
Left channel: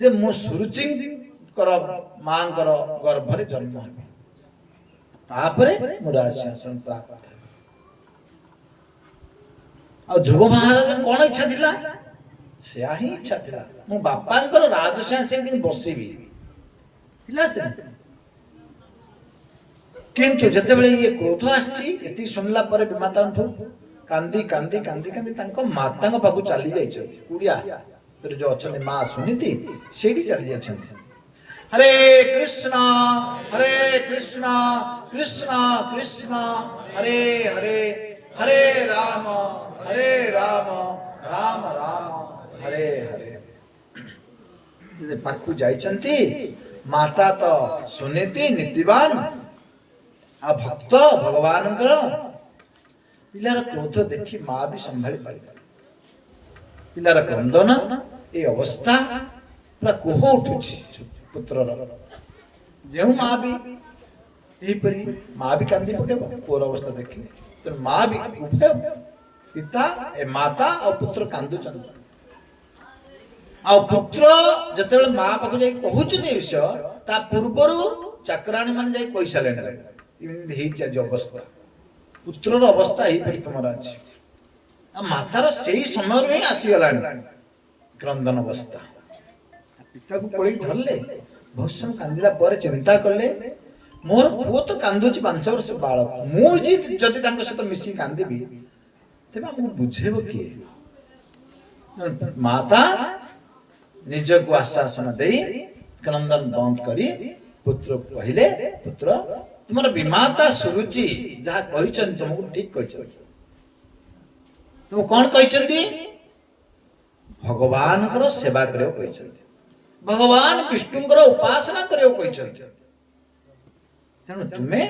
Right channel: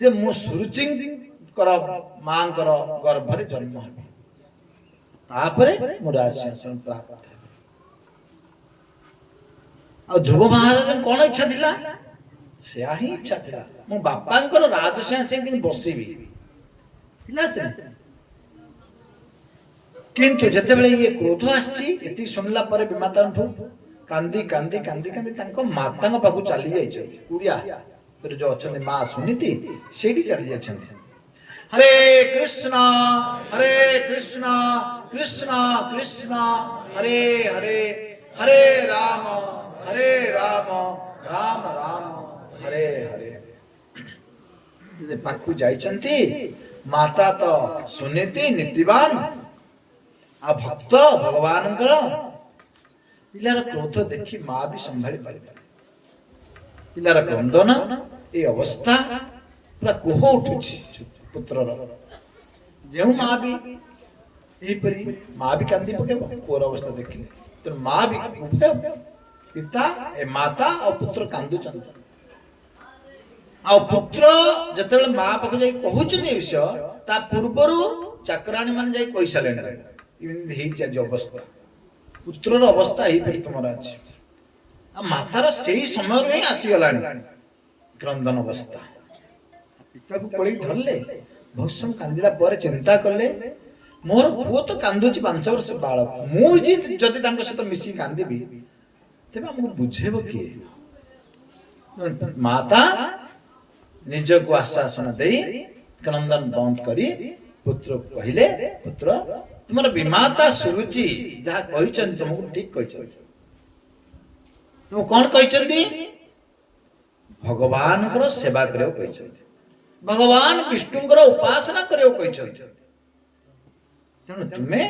जे मु सुरुचि कर मांकर गर्भरे जन्म हेबी तापरे मु राज सिंहासन प्राप्त। आ ध्रुव महाराज कौन इच्छा थिला से ही इच्छा थिला मु बापांकर राज सिंहासन कि बसिबी थिला से किंतु जते बेले ये क्रोध आछि एति सुनला परे विमातांठु କାନ୍ଦି କାନ୍ଦି କାନ୍ଦି କାନ୍ଦି ତାଙ୍କ ମାତାଙ୍କ ପାଖକୁ ଚାଲି ଯାଇଛନ୍ତି। କୁଡ଼ିଆ ଯୋଉ ଅଛନ୍ତି ମା ସୁନୀତି ସେଇଠି ଚାଲି ଯାଇଛନ୍ତି। ହରେ କୃଷ୍ଣ କୃଷ୍ଣ କୃଷ୍ଣ ହରେ ହରେ ହରେ ରାମ ରାମ ରାମ ହରେ ହରେ। ପାଖକୁ ଯାଇଛନ୍ତି ମାତା ତ ସୁନୀତି ନୀତିବାନ ଆଉ ଭକ୍ତ ଭଗବାନଙ୍କର। ପିଲାର କ୍ରୋଧ ଦେଖି ମା ବି ସମ୍ଭାଳି ପାରିବେ। ପିଲାର କ୍ରନ୍ଦନ এই ଅବସ୍ଥା ପୁରା କୋହ ଉଠୁଛି ପୁତ୍ରର। ଯେଉଁ ମା ବି ଏହିପରି ମା ବି କାନ୍ଦି ପକେଇବ ପୁଅର ଅବସ୍ଥା ଦେଖିଲେ। ତେଣୁ ମା ବି ଉଭୟ ପିତା ମାତା ଆଉ ପୁତ୍ର କାନ୍ଦୁଛନ୍ତି। ଆଉ ପୁତ୍ର ଯେତେବେଳେ ମା ପାଖକୁ ଯାଇ କହୁଛନ୍ତି ଏ ବିଷୟ ତା ପୂର୍ବରୁ ଚାକରାଣୀ ମାନେ ଯାଇ କହିସାରିଲେଣି ଏମିତି ହେଇଛି ଆଜି ଅବସ୍ଥା। ପୁତ୍ରର ଅବସ୍ଥା ଏହିପରି ତୁମର ଅଛି। ଆଉ ମାତାର ସେଇ ସମୟରୁ ହିଁ ଆସିଗଲାଣି କ୍ରନ୍ଦନ ଅବସ୍ଥା। ପିତାକୁ ପଳେଇ ଧରିଲେ। ବହୁତ ସମୟ କାନ୍ଦିଲା ପରେ ଚିନ୍ତା କଲେ ମୋର ପୁଅ ତ କାନ୍ଦୁଛି 5 ବର୍ଷ ବାଳକ, ମୁଁ ଯଦି ତାଙ୍କ ସହିତ ମିଶି କାନ୍ଦିବି ତେବେ ଆମକୁ ବୁଝେଇବ କିଏ? ମାତା ନିଜକୁ ଆଶ୍ୱାସନା ଦେଇ କ୍ରନ୍ଦନ ବନ୍ଦ କରି ପୁତ୍ରକୁ କହିଲେ ପୁତ୍ର ତୁମର ବିମାତା ସୁରୁଚି ଯାହା କହିଛନ୍ତି ତୁମକୁ ଠିକ କହିଛନ୍ତି। ତୁମକୁ କଣ କହିଛନ୍ତି? ଭଗବାନଙ୍କର ସେବା କରିବାକୁ କହିଛନ୍ତି, ଭଗବାନ ବିଷ୍ଣୁଙ୍କର ଉପାସନା କରିବାକୁ କହିଛନ୍ତି। ତେଣୁ ତୁମେ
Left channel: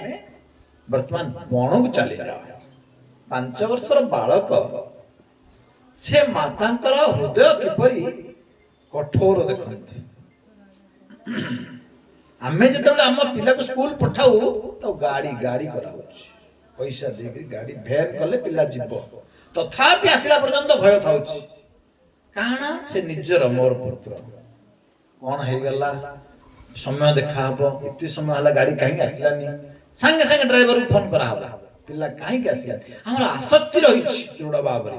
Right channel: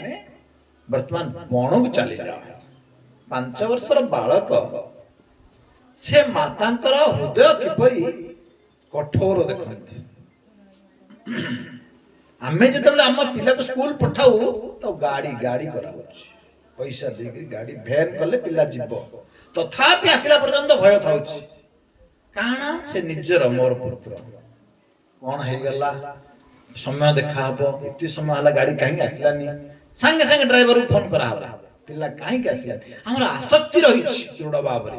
ବର୍ତ୍ତମାନ ବଣକୁ ଚାଲିଯାଅ। 5 ବର୍ଷର ବାଳକ ସେ ମାତାଙ୍କର ହୃଦୟ କିପରି କଠୋର ଦେଖନ୍ତି। ଆମେ ଯେତେବେଳେ ଆମ ପିଲାକୁ ସ୍କୁଲ ପଠାଉ ତ ଗାଡି କରାଉଛି, ପଇସା ଦେଇକି ଗାଡି ଭ୍ୟାନ କଲେ ପିଲା ଯିବ। ତଥାପି ଆସିଲା ପର୍ଯ୍ୟନ୍ତ ଭୟ ଥାଉଛି। କାରଣ ସେ ନିଜର ମୋର ପୁତ୍ର କଣ ହେଇଗଲା, ସମୟ ଦେଖା ହବ, ଏତେ ସମୟ ହେଲା ଗାଡି କାହିଁକି ଆସିଲାନି, ସାଙ୍ଗେ ସାଙ୍ଗେ ଡ୍ରାଇଭରକୁ ଫୋନ କରାହବ ପିଲା କାହିଁକି ଆସିଲାନି। ଆମର ଆସକ୍ତି ରହିଛି ଦୃଢ ଭାବରେ।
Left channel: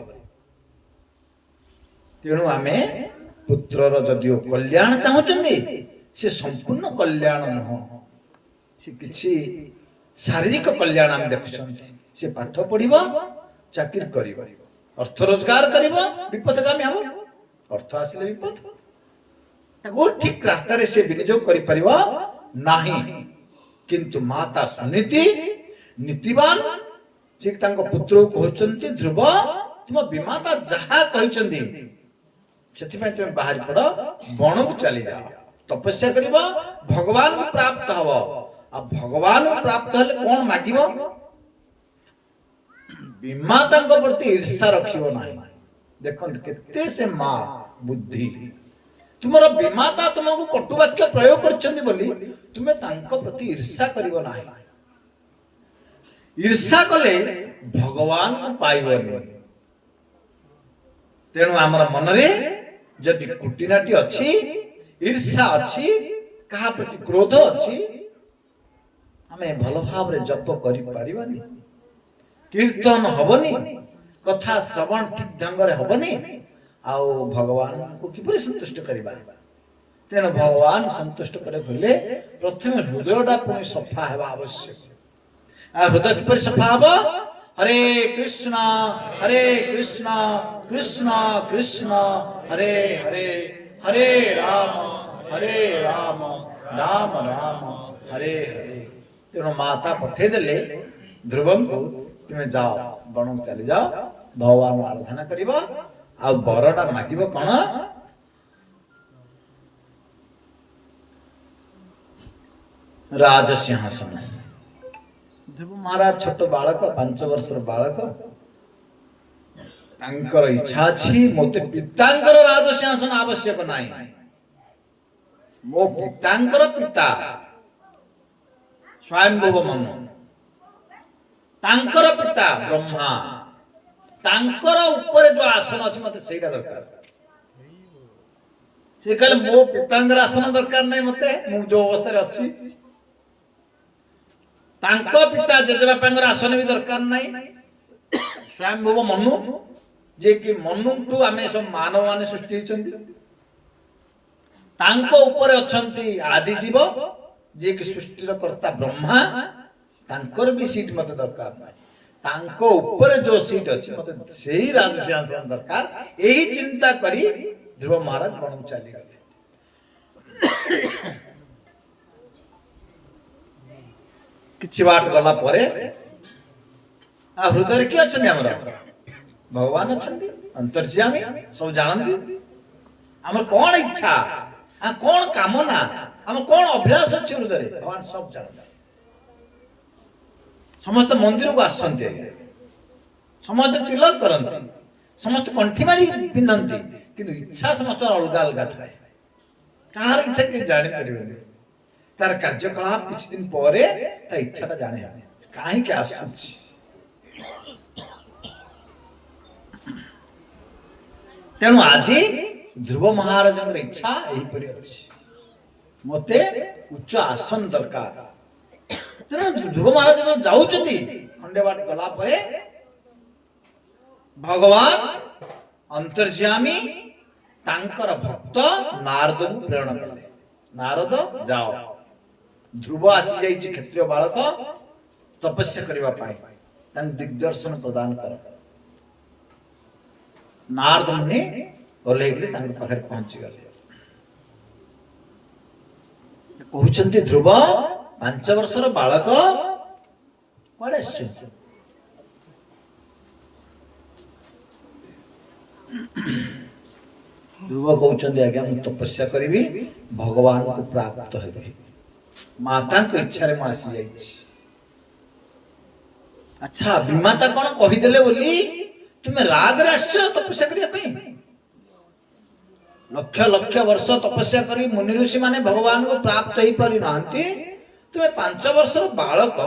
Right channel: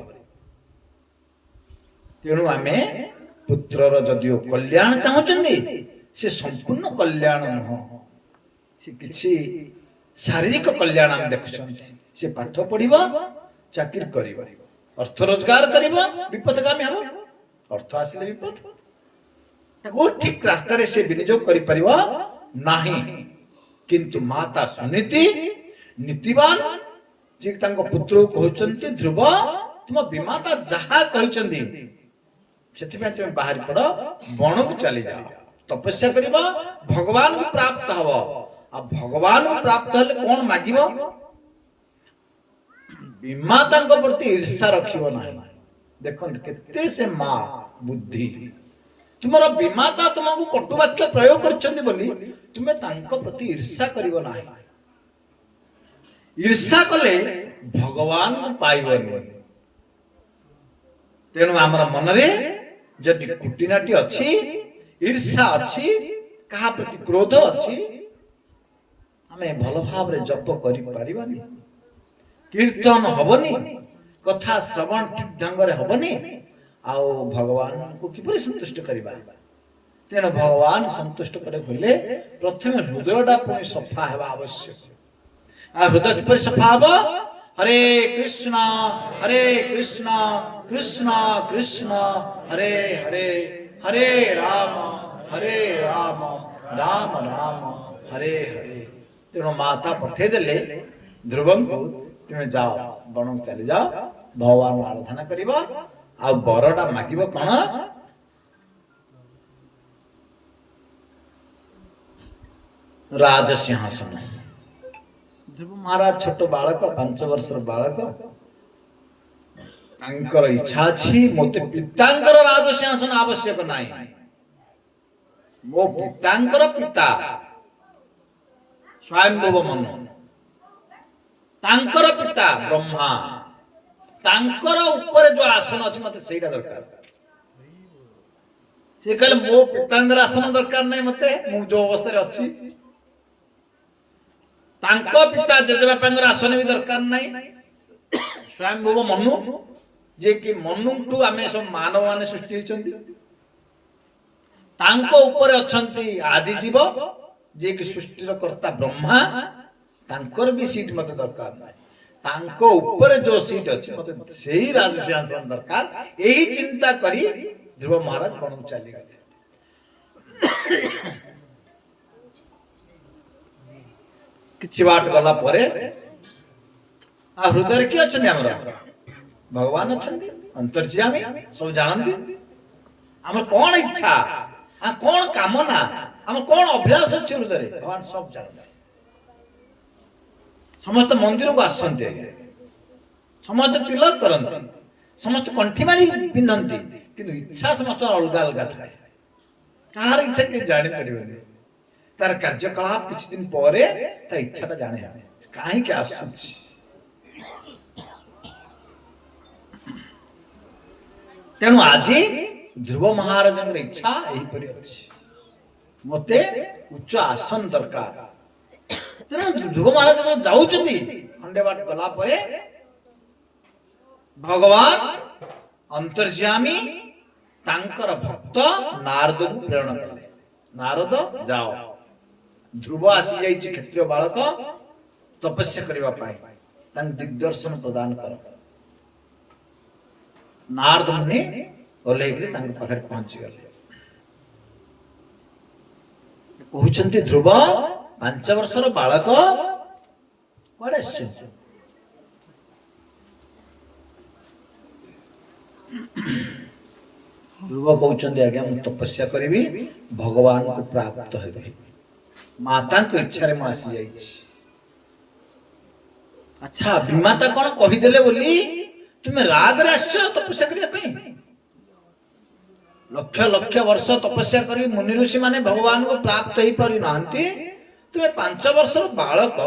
ତେଣୁ ଆମେ ପୁତ୍ରର ଯଦିଓ କଲ୍ୟାଣ ଚାହୁଁଛନ୍ତି ସେ ସମ୍ପୂର୍ଣ୍ଣ କଲ୍ୟାଣ ନୁହଁ, ସେ କିଛି ଶାରୀରିକ କଲ୍ୟାଣ ଆମେ ଦେଖୁଛନ୍ତି। ସେ ପାଠ ପଢିବ, ଚାକିରି କରିବ, ଅର୍ଥ ରୋଜଗାର କରିବ, ବିପଦଗାମୀ ହବ। ଅର୍ଥ ଆସିଲେ ବିପଦ, ତାକୁ ଠିକ ରାସ୍ତାରେ ସେ ବିନିଯୋଗ କରିପାରିବ ନାହିଁ। କିନ୍ତୁ ମାତା ସୁନୀତି ନୀତିବାନ ସେ ତାଙ୍କ ପୁତ୍ରକୁ କହୁଛନ୍ତି ଧ୍ରୁବ ତୁମ ବିମାତା ଯାହା କହିଛନ୍ତି ସେଥିପାଇଁ ତୁମେ ବାହାରି ପଡ, ବଣକୁ ଚାଲିଯାଅ, ତପସ୍ୟା କରିବ, ଭଗବାନଙ୍କୁ ପ୍ରାପ୍ତ ହବ। ଆଉ ଭଗବାନଙ୍କୁ ପ୍ରାପ୍ତ ହେଲେ କଣ ମାଗିବ? ବିମାତାଙ୍କ ପ୍ରତି ଈର୍ଷା ରଖିବ ନାହିଁ। ଦେଖନ୍ତୁ କେତେ ସେ ମା ବୁଦ୍ଧି। ତୁମର ବିମାତା ତୁମକୁ କଟୁ ବାକ୍ୟ ପ୍ରୟୋଗ କରିଛନ୍ତି ବୋଲି ତୁମେ ତାଙ୍କ ପ୍ରତି ଈର୍ଷା କରିବ ନାହିଁ। ଈର୍ଷା କଲେ ଭଗବାନଙ୍କୁ ପାଇବନି। ତେଣୁ ଆମର ମନରେ ଯଦି କୁଟିନାଟି ଅଛି, ଈର୍ଷା ଅଛି, କାହା ପ୍ରତି କ୍ରୋଧ ଅଛି, ଆମେ ଭଲ ଭାବରେ ଜପ କରିପାରିବାନି, କୀର୍ତ୍ତନ ହବନି, କଥା ଶ୍ରବଣ ଠିକ ଢଙ୍ଗରେ ହବନି। ଆଉ ଭଗବାନଙ୍କୁ କିପରି ସନ୍ତୁଷ୍ଟ କରିବା? ତେଣୁ ଭଗବାନ ସନ୍ତୁଷ୍ଟ করে ହେଲେ ପ୍ରଥମେ ହୃଦୟଟା ପୁଣି ସଫା ହେବା ଆବଶ୍ୟକ। ଆଉ ହୃଦୟ କିପରି ସଫା ହବ? ହରେ କୃଷ୍ଣ କୃଷ୍ଣ କୃଷ୍ଣ ହରେ ହରେ ହରେ ରାମ ରାମ ରାମ ହରେ ହରେ। ତେଣୁ ମାତା ପଠେଇଦେଲେ ଧ୍ରୁବଙ୍କୁ, ତୁମେ ଯାଅ ବଣକୁ ଚାଲି ଯାଅ, ଭଗବାନ ଆରାଧନା କରିବ। ଆଉ ବରଟା ମାଗିବ କଣ? ରାଜସିଂହାସନ। ଧ୍ରୁବ ମହାରାଜ ଛୋଟ ବାଳକ, 5 ବର୍ଷର ବାଳକ, ତାଙ୍କର ଇଚ୍ଛା ଅଛି ମୋତେ ପିତାଙ୍କର ରାଜସିଂହାସନ ଆବଶ୍ୟକ ନାହିଁ। ମୋ ପିତାଙ୍କର ପିତା ସ୍ୱୟଂଭୁବ ମନୁ, ତାଙ୍କର ପିତା ବ୍ରହ୍ମା, ତାଙ୍କର ଉପରେ ଯୋଉ ଆସନ ଅଛି ମତେ ସେଇଟା ଦରକାର। ସେ କହିଲେ ମୋ ପିତାଙ୍କର ଆସନ ଦରକାର ନାହିଁ ମତେ, ମୁଁ ଯୋଉ ଅବସ୍ଥାରେ ଅଛି। ତାଙ୍କ ପିତା ଜେଜେବାପାଙ୍କର ଆସନ ବି ଦରକାର ନାହିଁ। ସ୍ୱୟଂଭୁବ ମନୁ, ଯେ କି ମନୁଠୁ ଆମେ ସବୁ ମାନବ ମାନେ ସୃଷ୍ଟି ହେଇଛନ୍ତି, ତାଙ୍କ ଉପରେ ଅଛନ୍ତି ଆଦିଜୀବ, ଯେ କି ସୃଷ୍ଟିର କର୍ତ୍ତା ବ୍ରହ୍ମା, ତାଙ୍କର ବି ସିଟ୍ ମତେ ଦରକାର ନାହିଁ। तांको ऊपर जो सीट अच्छी मते सेही राजसिंहासन दरकार यही चिंता करी ध्रुव महाराज बनू चली गले किछि बाट गला परे आ हृदय किए अछन हमरा भगवान अछन अंतर्यामी सब जानती हमर कौन इच्छा आ कौन कामना हमर कौन अभ्यास अछि हृदय भगवान सब जानते समस्त मंदिर को आसते समस्त तिलक करते समस्त कंठीमारी पिंधती किंतु इच्छा समस्त अलग अलग थाए कहार इच्छा के जानी परिबनी तार कार्यकलाप किछ दिन परे ता इच्छाटा जाने काहे के आसुछि तेणु आज ध्रुव महाराज इच्छा यही परि अछि मते उच्च आसन दरकार तेणु ध्रुव महाराज जाउछथि खंडे बाट गला परे भगवान अंतर्यामी तांकर भक्त नारद को प्रेरणा कले नारद जाओ ध्रुव आसी जाइछि क्षत्रिय बालक तपस्या करबा पाए तांग दिग्दर्शन प्रदान कर नारद मुनि गले कि तांग पाखरे पहुंची गले कहउछन्ति ध्रुव 5 वर्षर बालक कुआडे आछन्ति ध्रुव कहउछन्ति आज्ञा मु तपस्या करिवि भगवान को प्राप्त हेबि माता को इच्छा रे आसी जाइछि अच्छा विमाता कोन कहि देले बोली तुमे राग रे आछो तपस्या करिया पे लक्ष लक्ष वर्ष तपस्या करी मुनि ऋषि माने भगवान को प्राप्त ही पारि नांती तुमे 5 वर्षर बालक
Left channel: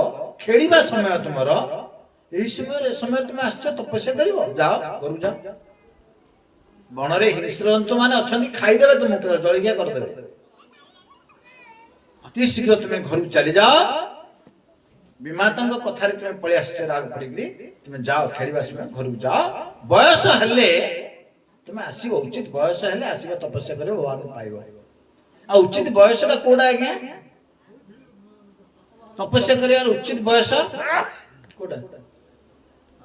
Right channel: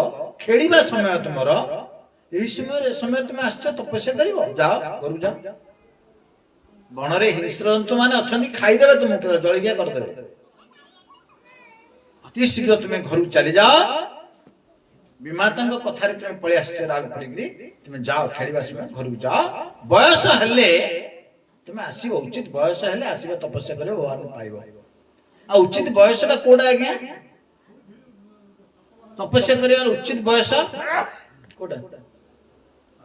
खेलिबा समय तुमर एही समय तुमे आछो तपस्या करिवो जाओ करू जाओ बनरे हिंस्रजंतु माने अछंती खाई देबे तुमके जळिया कर देबे अति शीघ्र तुमे घर चली जाओ विमाता कथा रे तुमे पळे आछो राग पड़िकरी तुमे जाओ खेलिबा समय घर जाओ बयस हेले तुमे आसीबो उचित बयस हेले आसीबो तपस्या करिवो भगवान पाइबो आ उचित बयस का कोडा आज्ञा तपस्या करिया उचित बयस कोडा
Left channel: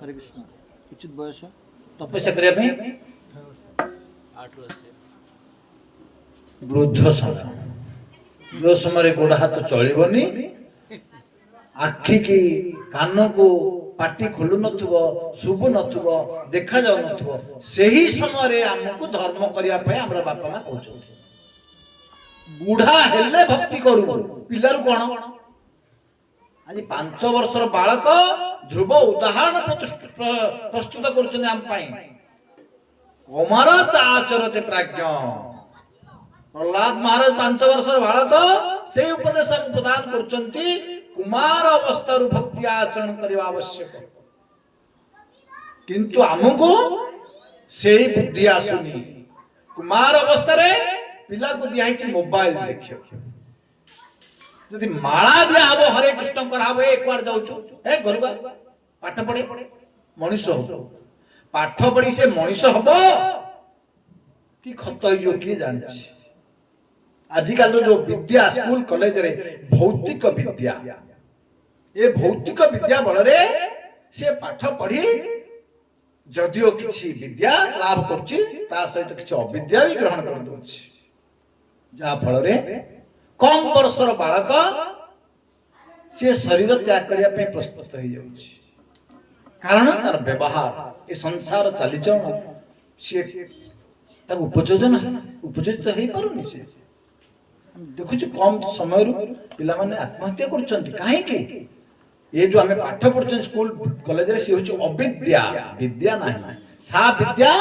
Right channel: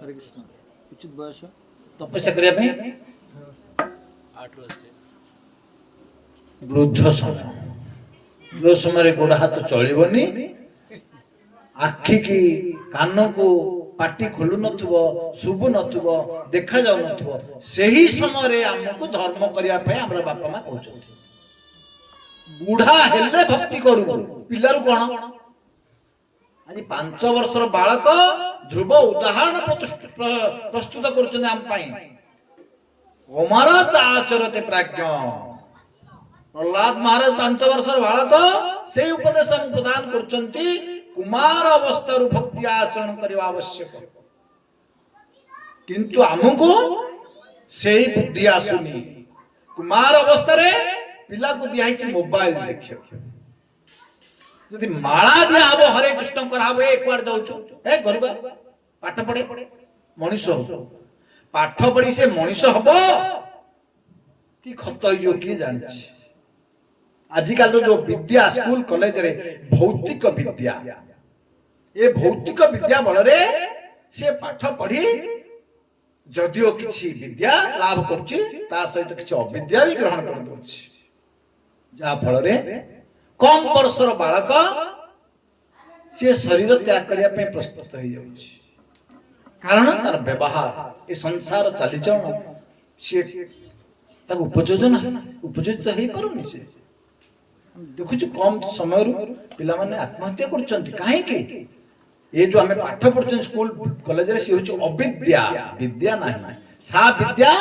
हरे कृष्ण उचित बयस तपस्या करिया पे 8 वर्ष वृद्ध समय जो समय गोड़ हाथ चलबनी आखि की कान को पाटी खोलु नथुबो शुभ नथुबो देखा जाउ नथुबो सही समय रे हमको धर्म करिया पे हमरा बापा मां कहउछथि बुढ़ा हेले भक्ति करू पिलारु कोन आज 5 वर्षर बालक ध्रुव उदाहरण प्रस्तुत करछन हम पाई कुमार आचरते प्राज्ञ प्रहलाद महाराज 5 वर्षर बालक से उपदेश प्रदान करछन्ति कुमार अवस्था भक्ति आचरण करवा आवश्यक किंतु हमको से बुद्धि आसुनी कुमार अवस्था रे पिला को दिया मोबाइल देखियो जदि माला दिया हबो हरे कृष्ण कराबो एक बार जाउछु ए गरुगा पाठ पढे मनीष हो पाठ पढी से मनीष हबो कि खत होइयो कि जानि आजिकल जो विद्या स्कूल कॉलेज रे भौतिक विद्या ये भौतिक विद्या बल रे से पाठ पढ़ी जदियो किछि विद्या लाभ करछि ता सहित किछि अविद्या भी ग्रहण कर दोछि जा फल रे कम वर्षर बालक से शरीर त्याग करिया पे प्रस्तुत हो जाउछि कारण तार व्यवहार ए संसार चलीचरण से ताको उपयोजित हो पारुनी से देखु कम समय पिला माने आत्महत्या करछन्ति काहे के ये जो हमें पाठ पढ़छन स्कूल कॉलेज रे से होछि अविद्या विद्या नाही सा विद्या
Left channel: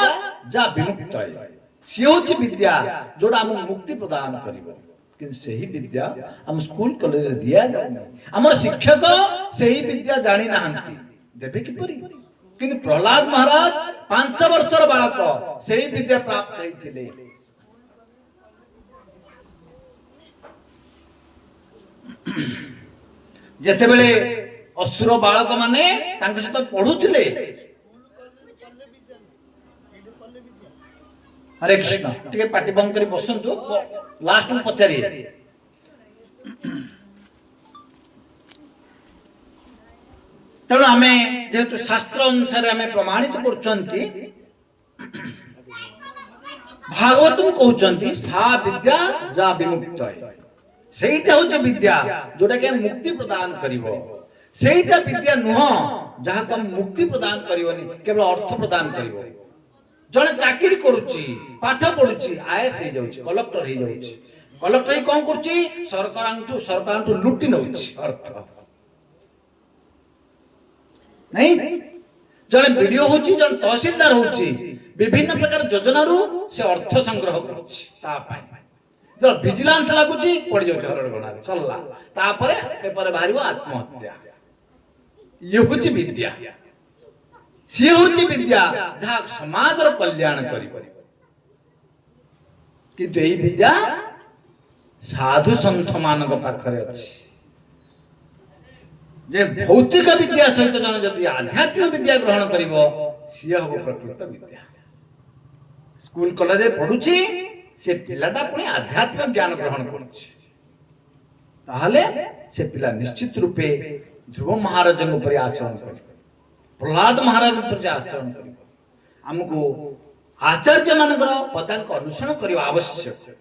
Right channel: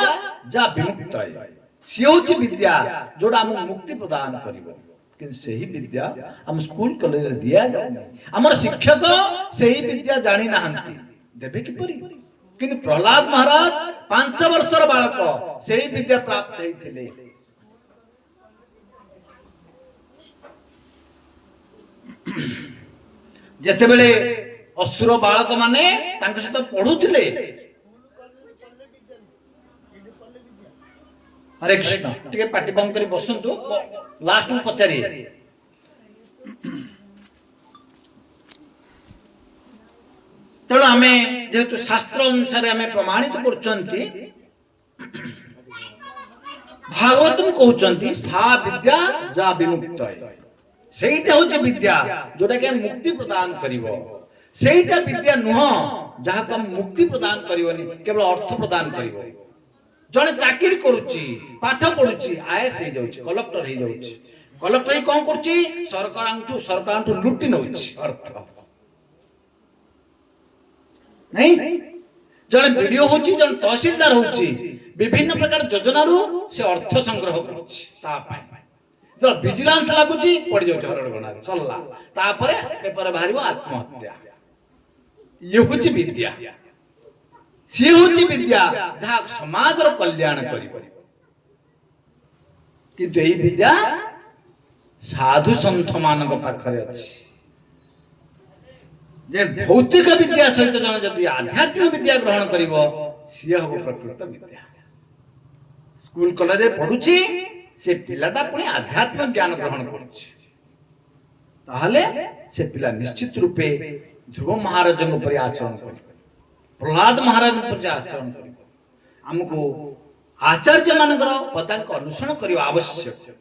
जा विमुक्त है से होछि विद्या जोडा हम मुक्ति प्रदान करिवो किन सही विद्या हम स्कूल कॉलेज रे दिया जाउनी हमर शिक्षक सही विद्या जानि नाहंती देबे कि परि किन प्रहलाद महाराज 5 वर्षर बालक सही विद्या प्राप्त हेथिले जेते बेले असुर बालक माने तांके सहित पढुथिले हरे कृष्ण टिके पाटी बंद करी बसंतु लास्ट में पचारी तेणु आम जेहेतु शास्त्र अनुसार आम प्रमाणित करछंती भागवतम कहउछंती सा विद्या जा विमुक्त है सेटा होचे विद्या जोटा के मुक्ति प्रदान करिवो सेटा विद्या नुह जहा को मुक्ति प्रदान करिवनी केवल अर्थ प्रदान करिवो जने चाकरी करूची पाठ पढुची आईएएस हे जाउची कलेक्टर हे जाउची कलेक्टर ही कोन करची सरकारांटू लुटी नउची अर्थ नहीं जने वीडियो होची जने तहसीलदार होची विभिन्न प्रकार योजना रु से अर्थ संग्रह करूची ता पाई जो विजिलेंस लागुची पड़ जाउची हरडगणा चलला ता परे पेपर बाहरिबो आत्महत्या ये होची विद्या सी होची विद्या जहा समाज रो कल्याण करिवो किंतु एई विद्या साधु संत मानक पाखरे अछि जे भौतिक विद्या सहित जन जदि आध्यात्मिक विद्या ग्रहण करिवो सी हबो प्रकृत विद्या स्कूल कॉलेज पढुची से पिलाटा पुणी आध्यात्मिक ज्ञान ग्रहण करुची ताहले से पिला निश्चित रूपे ध्रुव महाराज पर आचरण करिवो प्रहलाद महाराज पर आचरण करिवो हमको आचार्य मानकर पदांक अनुसरण करिवा आवश्यक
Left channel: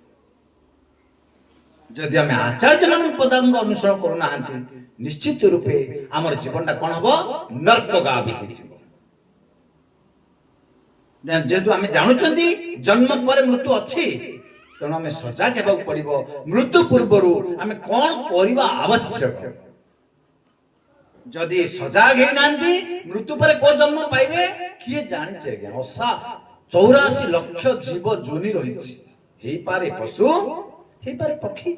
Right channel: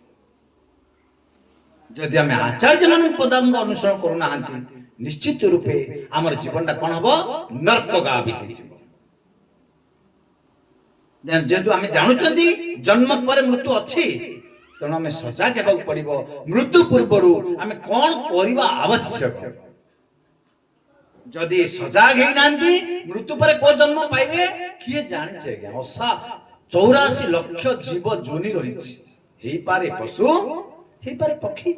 जदि आम आचार्य मान पदांक अनुसरण करू नाहंती निश्चित रूपे आमर जीवनटा कौन हबो नर्कगामी हो जेहेतु आम जानुचंदी जन्म पर मृत्यु अच्छी तेणु आम सजग हेबाक पड़िबो मृत्यु पूर्वरु आम कौन करबा आवश्यक जदि सजग हे नांती मृत्यु पर को जन्म पाइबे किए जानि छै ज्ञान ओसा 84 लाख जीव जोनि रहिछि हेई पारे पशु हेई पारे पक्षी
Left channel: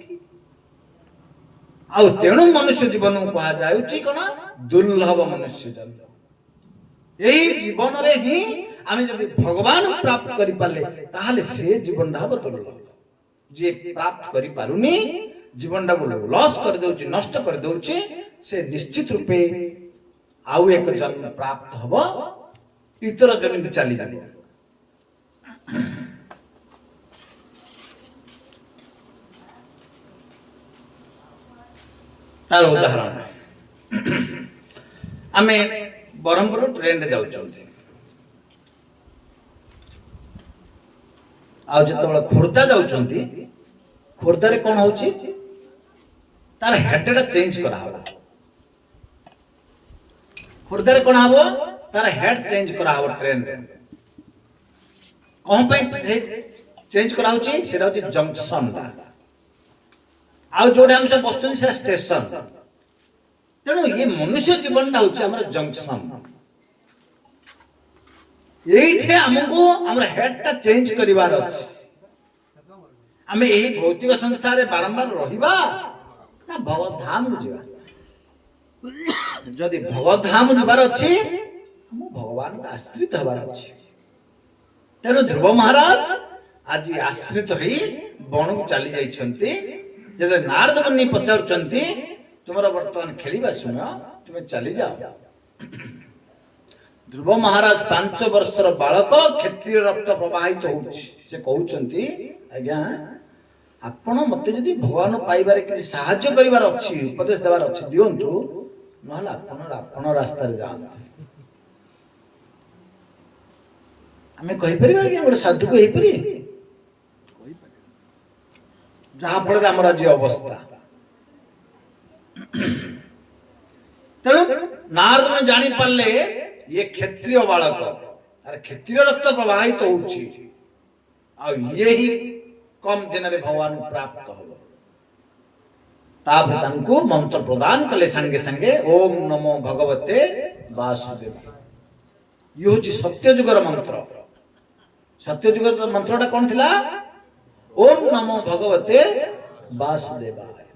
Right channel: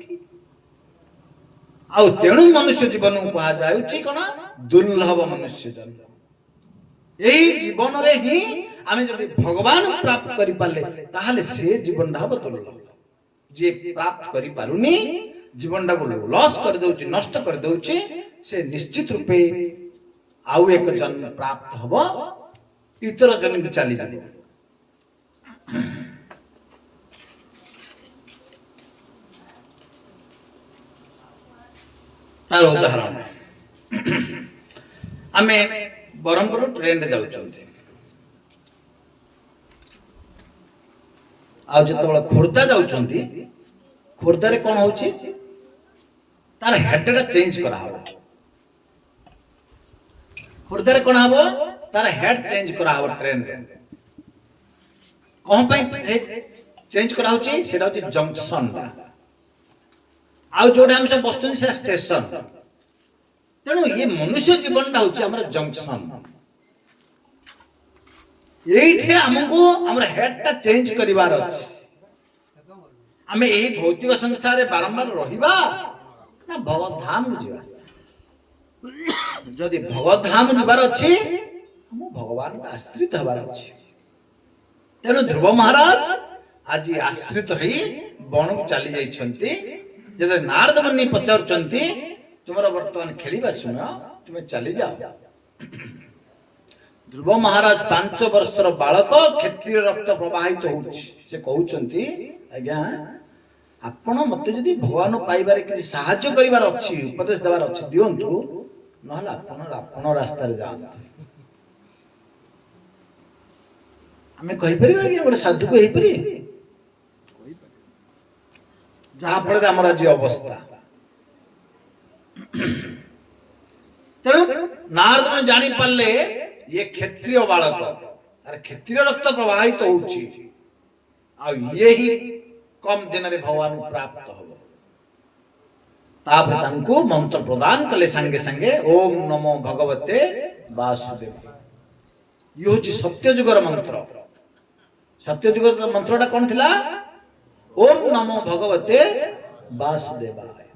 आउ तेणु मनुष्य जीवन कहा जाउची कोना दुर्लभ मनुष्य जन्म एई जीवन रे ही आमे जदि भगवान प्राप्त करि पाले ताहाले से जीवन हब दुर्लभ जे प्राप्त करि पारुनी जीवन को लॉस कर दउची नष्ट कर दउची से निश्चित रूपे आउ एक जन्म प्राप्त हबो इतर जन्म के चली जाबो तार उदाहरण आमे बरहमपुर ट्रेन रे जाउछों आ जतबेला खोर्धा जाउछंती खोर्धा रे कोन होउची तार हेडटा चेंज करा हबो खोर्धा रे कोन हबो तार हेड चेंज करा हबो ट्रेन रे कोन पे चेंज करा होची सेटा होची जंक्शन टा आ जोडे हम सब बस्तुन से स्टेशन तेणु ये मनुष्य जीवन होची हमर जंक्शन एठे हमको हमर हेड टा चेंज करिवार अछि हमें एही भौतिक संसार रे बारंबार रहिबा ना भगवत धाम जिवा जदि भगवत धाम जिबार अछि हम भगवान का आश्रित हबार अछि तेणु ध्रुव महाराज आज आश्रित होई बन को चली जाई छंती जदि नारद मुनि पचारुचंती तुमरा वर्तमान खेलिबा सुन तुमे चली जाओ ध्रुव महाराज 5 वर्षर बालक क्षत्रिय रक्त प्रवाहित होउछि से कहउचंती आज्ञा आपण मते जदि भगवान पाइबारे कि सहाय्य करिवार अछि उपदेश देवार अछि दियंतु नहला आपण रास्ता रे जाओ हमें कहि परिबा कि गोटे साधु को हेइ परि कहि परि जहा फल हमर आज अवस्था तेणु नारद ने जानी पारले ये क्षत्रिय बालक अरे क्षत्रिय रक्त प्रवाहित होउछि आ ये ही कम दिन रे भगवान प्राप्त हो तापर तांको मंत्र प्रदान कले संगे संगे ओम नमो भगवते वासुदेव यो होछि सत्य जुगर मंत्र सत्य जुगर मंत्रटा कोन थिला ओम नमो भगवते वासुदेवाय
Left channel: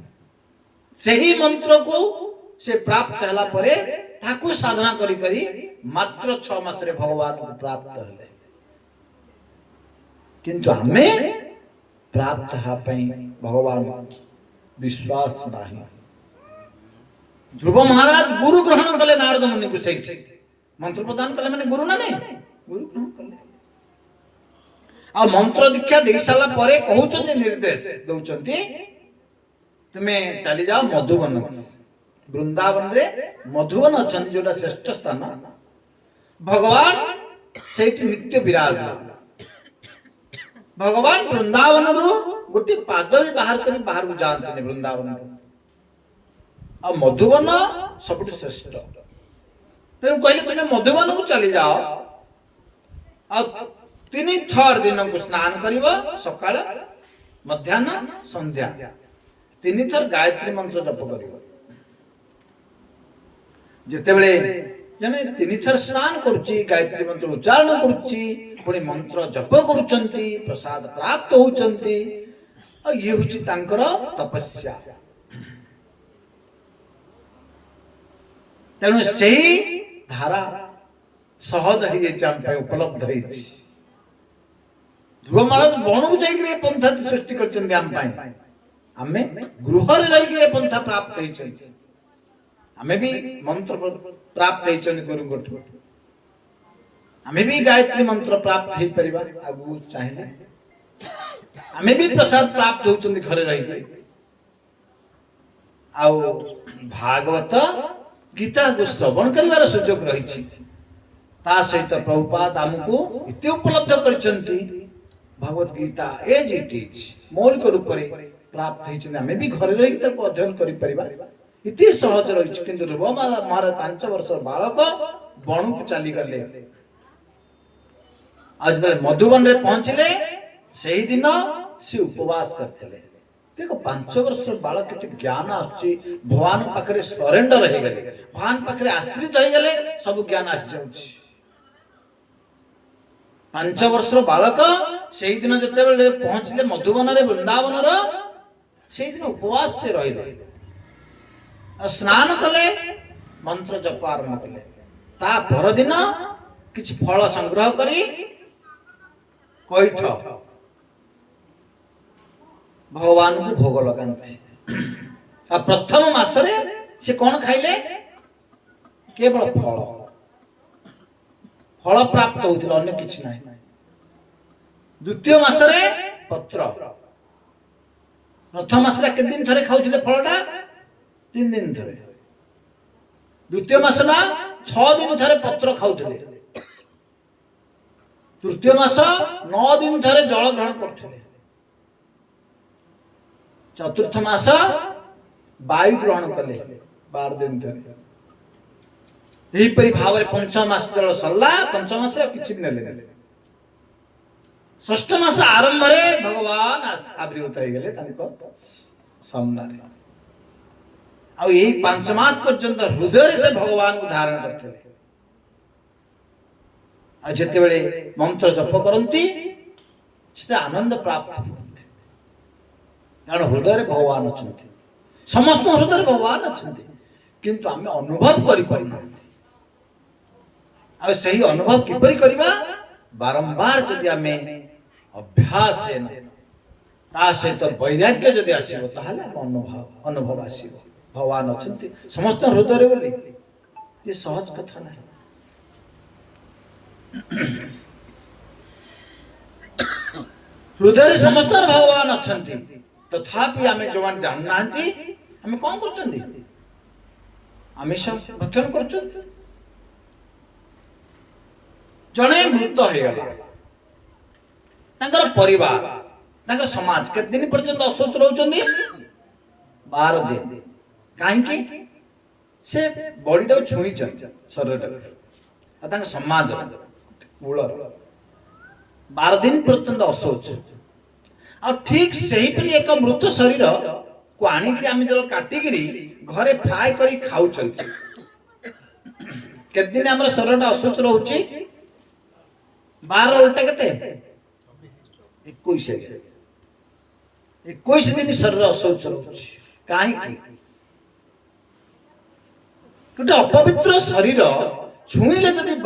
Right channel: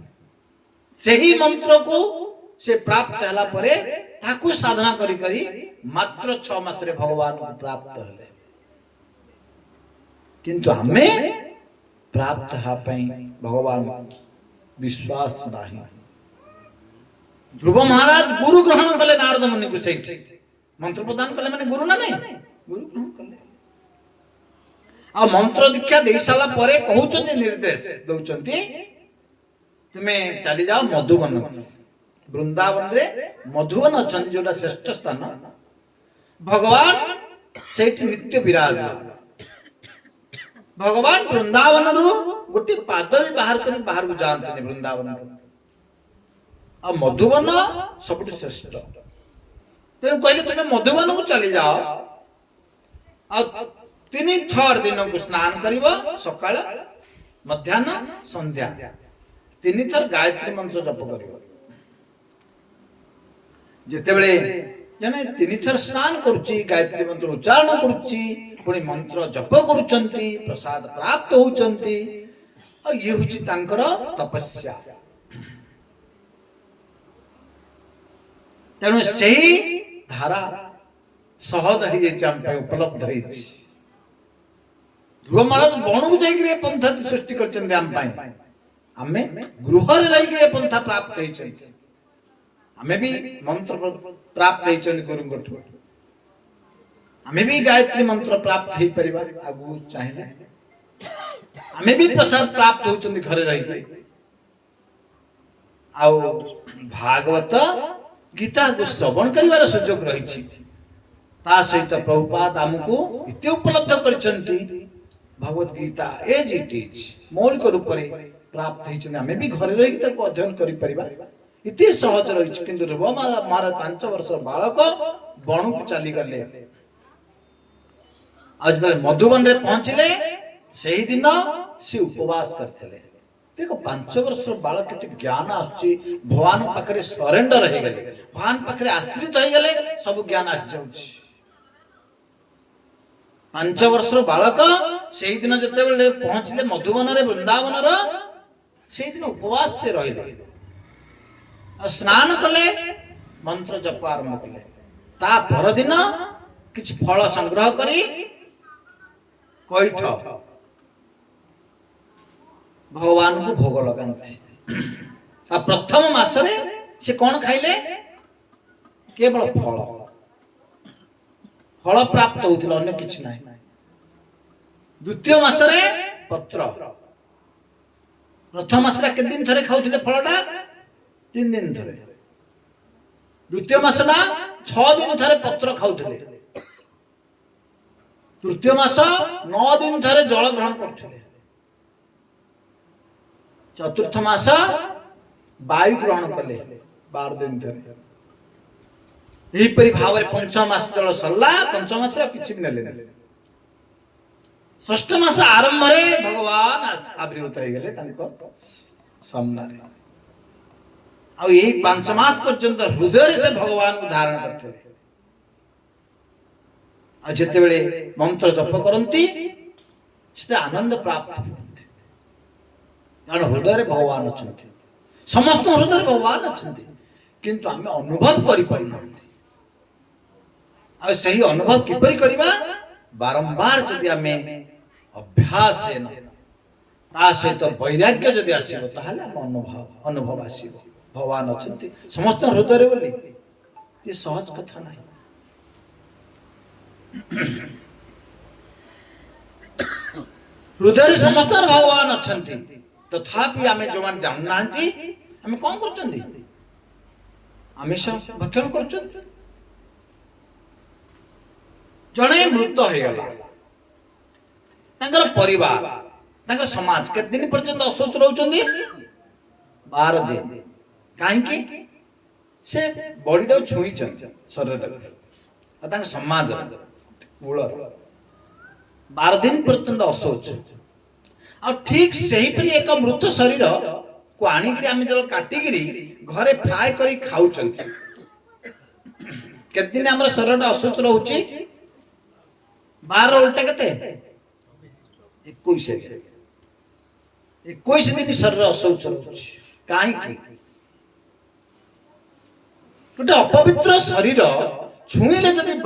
सही मंत्र को से प्राप्त हला परे ताकू साधना करी करी मात्र 6 मास रे भगवान को प्राप्त हले किंतु हमें प्राप्त हा पई भगवान विश्वास नाही ध्रुव महाराज गुरु ग्रहण कले नारद मुनि को सही मंत्र प्रदान कले माने गुरु ना नहीं गुरु ग्रहण कले आ मंत्र दीक्षा दे साला परे कहउचंती निर्देश दउचंती तुमे चली जाओ मधुबन वृंदावन रे मधुवन अच्छा जोटा श्रेष्ठ स्थान भगवान से नित्य विराजमान भगवान वृंदावन रु गोटे पाद भी बाहर कर बाहर को जाते वृंदावन आ मधुवन सब श्रेष्ठ तेणु कहले तुम मधुवन को चली जाओ आ 3 थर दिन को स्नान करिवो सकाळ मध्याह्न संध्या 3 थर गायत्री मंत्र जप करिवो जेतेबेले जने 3 थर स्नान करूची गायत्री मंत्र उच्चारण करूची पुणी मंत्र जप करूचंती प्रसाद प्राप्त होचंती आ ये होची तांकर तपस्या तेणु सही धारा सहज हो जाए उपलब्ध हो ध्रुव महाराज बण को जाइए पंथा सृष्टि करमे गृह रही पंथा प्राप्त होती आमे भी मंत्र प्राप्त होती गुरु आमे भी गायत्री मंत्र प्राप्त हो पार आगु चाहिए आमे भी प्रसाद प्राप्त होती घरे रही आउ भागवत गीता को श्रवण कर सुजोग रही ता सहित प्रभुपाद आमको इतने उपलब्ध करचंती Bhagavad Gita as it is मौलिक रूप में प्राप्त होती आमे भी घर रही अध्ययन कर इतने सहज रही किंतु ध्रुव महाराज 5 वर्ष बालक बणु को चली गले आज जो मधुबन रे पहुंचले से ही दिन से उपवास करते देखो 5 वर्ष बालक के ज्ञान आसुची भगवान पाखरे सरेंडर हो गले भगवान पाखरे आश्रित हो गले सब ज्ञान आसी जाउची 5 वर्ष बालक से दिन जिते पहुंचले मधुबन रे वृंदावन से दिन उपवास से रहिले स्नान कले मंत्र जप आरंभ कले ता पर दिन किछि फल संग्रह करी कैठ भगवान को भोग लगाते आ प्रथम मासरे से कौन खाइले केवल फल फल प्राप्त होता अन्य किछि नाही द्वितीय मासरे पत्र प्रथम मासरे के दिन थरे खाउथिले फलटा 3 दिन थरे द्वितीय मास ना 6 दिन थरे पत्र खाउथिले तृतीय मास 9 दिन थरे जल ग्रहण करथिले चतुर्थ मास वायु ग्रहण कले 12 दिन थरे यही परि भाव रे पंचम मास जल सल्ला पंचम मास किछि नेले षष्ठ मास आरंभ रे भगवान आविर्भूत हो गले तांको सामना रे आ यही 5 मास पर्यंत हृदय से भगवान को धारण करते आ जेते बेले मंत्र जप करंती से आनंद प्राप्त होते कारण हृदय रे भगवान अछंती समस्त हृदय रे भगवान अछंती किंतु आमे अनुभव करि परना आ सही अनुभव किपरि करबा बारंबार जदि आमे अभ्यास है ना ता सहित वैराग्य जदि आसीबो ताहाले हम अनुभव आसीबो भगवान अछंती समस्त हृदय रे बोली ये सहज कथा नहीं हृदय रे समस्त भगवान अछंती तथापि आमे जोवान जाननांती आमे कोन करचंदी आमिष भक्षण करचंदी जणे मृत हो गला तांकर परिवार तांकर समाज के दिन पर्यंत अशौच रहउचंदी 12 दिन काहे से बॉडी टा छुई चंदी शरीर आ तांकर समाज मूल 12 दिन पर्यंत अशौच आ ठीक सही पर एक मृत शरीर को आनी कि आमे जल काटी गिरी घरे फ्राई करी खाउ चंदी के दिन हमर शरीर टा अशौच रहउची 12 उल्टे केते 21 दिन शरीर अशौच रहउची काहे कि गोटे अपवित्र शरीर छुईले जदि 12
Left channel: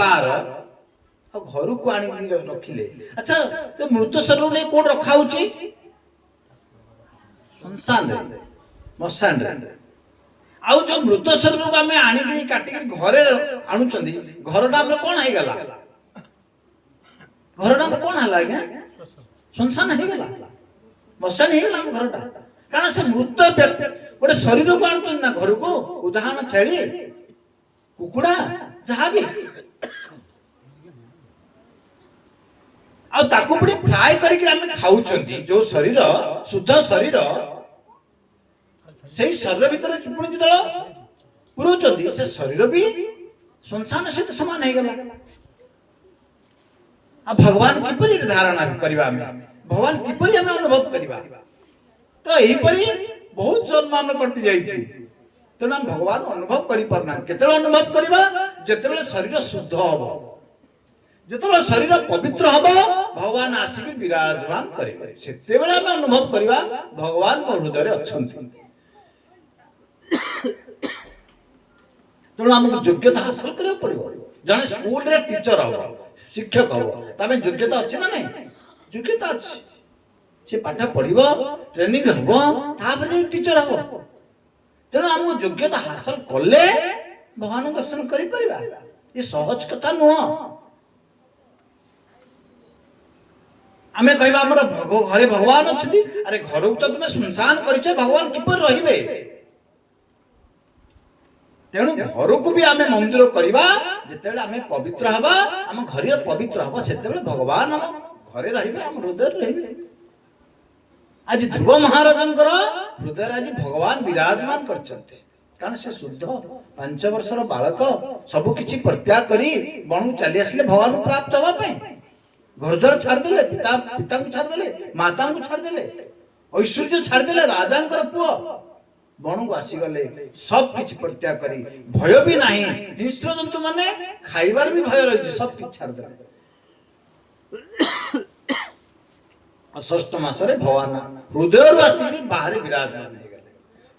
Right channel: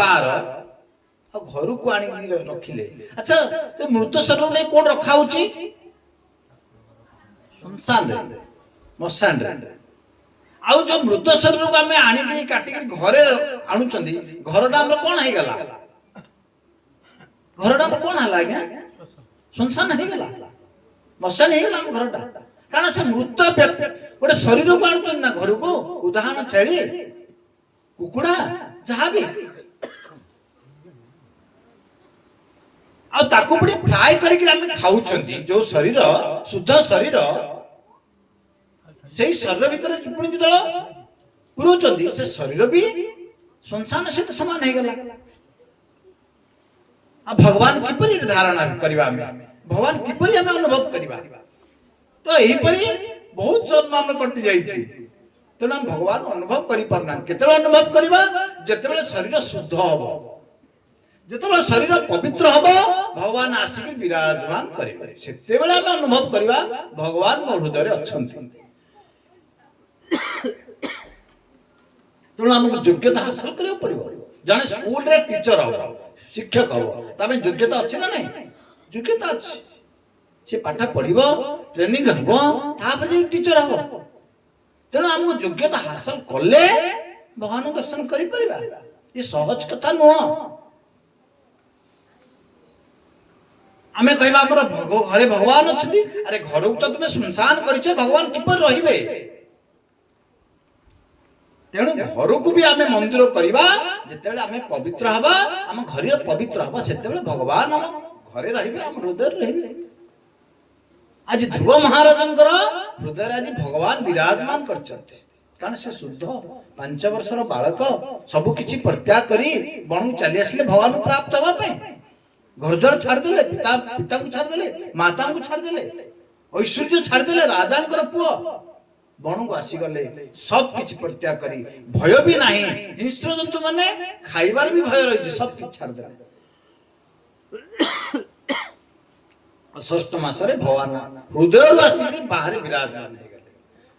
आ घर को आनी रखिले अच्छा तो मृत शरीर में कोन रखा होची शमशान रे मशान रे आउ जो मृत शरीर को हमें आनी के काटी के घरे आनु चंदी घरटा हमर कोन हे गला घरटा कोन हला के शमशान हे गला मशान हे गला घरटा कारण से मृत गोटे शरीर को आणुଛନ୍ତି ना घर को उदाहरण छेଳି कुकुड़ा जहाँ भी आ ताको पुणी फ्राए करके आम खाऊंट जो शरीर शुद्ध शरीर से शरीर भितर पुणी जो पुरोचंदी से शरीर भी संसार सहित समान हो गला आ भगवान किपरि धारणा करबा भगवान किपरि हम अनुभव करबा तो यहीपरि बहुत जन्म हम कटि जाइछि तेणु हम भगवान अनुभव करि परना केते अनुभव करबा जेते शरीर शुद्ध हबो जेते शरीर पवित्र हबो भगवान आसिक विराजमान करिबे सेते बेला हम अनुभव करबा भगवान मो हृदय रे अछंती तेणु हमको योग्यता हासिल करियो पड़िबो जने स्कूल रे टीचर हबो शिक्षक हबो तमे योग्यता अछि ना नहीं योग्यता अछि से पाठ पढ़िबो ट्रेनिंग हबो तापर जे टीचर हबो तेणु हमको योग्यता हासिल करले भगवान दर्शन करि परिबा ये सहज कथा नुह आमे कहबा हमर घरे भगवान अछि अरे घर को तो तुमे सुनसान करिछे भगवान किपर रहिबे तेणु घर को भी आमे मंदिर करबा जेतेबेले आमे पवित्र हबा हम घर पवित्र हबा सेतेबेले भगवान हम घरे रहिबे हम हृदय रहिबे आज ध्रुव महाराजंकर हृदय आज भगवान विराजमान करछन्ते कारण से शुद्ध 5 वर्षर बालक सब किछि परित्याग करी बणु चली आसिले भगवान को प्राप्त होबा पे घर द्वार छाड़ देले पिता को छाड़ देले माता को छाड़ देले ऐश्वर्य छाड़ देले राजांकर पुआ बणु को आसी गले सब किछि परित्याग करी भय भी नाही हिंस्र जंतु माने खाइबार भी भय रही सब किछि छाड़ देले षष्ठ मासरे भगवान हृदय आसिक बाहर विराजमान हो गले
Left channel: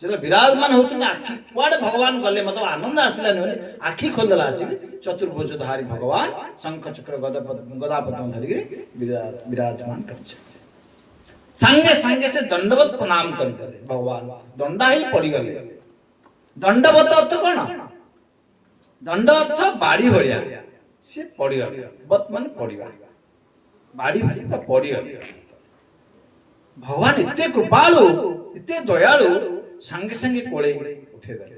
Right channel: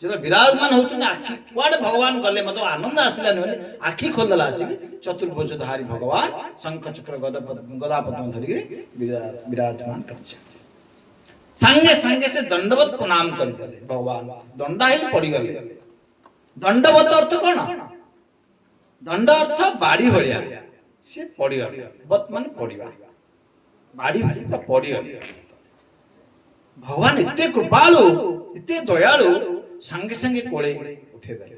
जब विराजमान होचन आखि कुआडे भगवान गले मतलब आनंद आसिला न आखि खोलला आसिक चतुर्भुजधारी भगवान शंख चक्र गदा पद्म धरि विराजमान करछ संगे संगे से दंडवत प्रणाम कर देले भगवान दंडा ही पड़ी गले दंडवत अर्थ कौन दंड अर्थ बाड़ी भलिया से पड़ी गले वत माने पड़िबा बाड़ी भलिया पड़ी गले भगवान इतने कृपालु इतने दयालु संगे संगे कोले उठे देले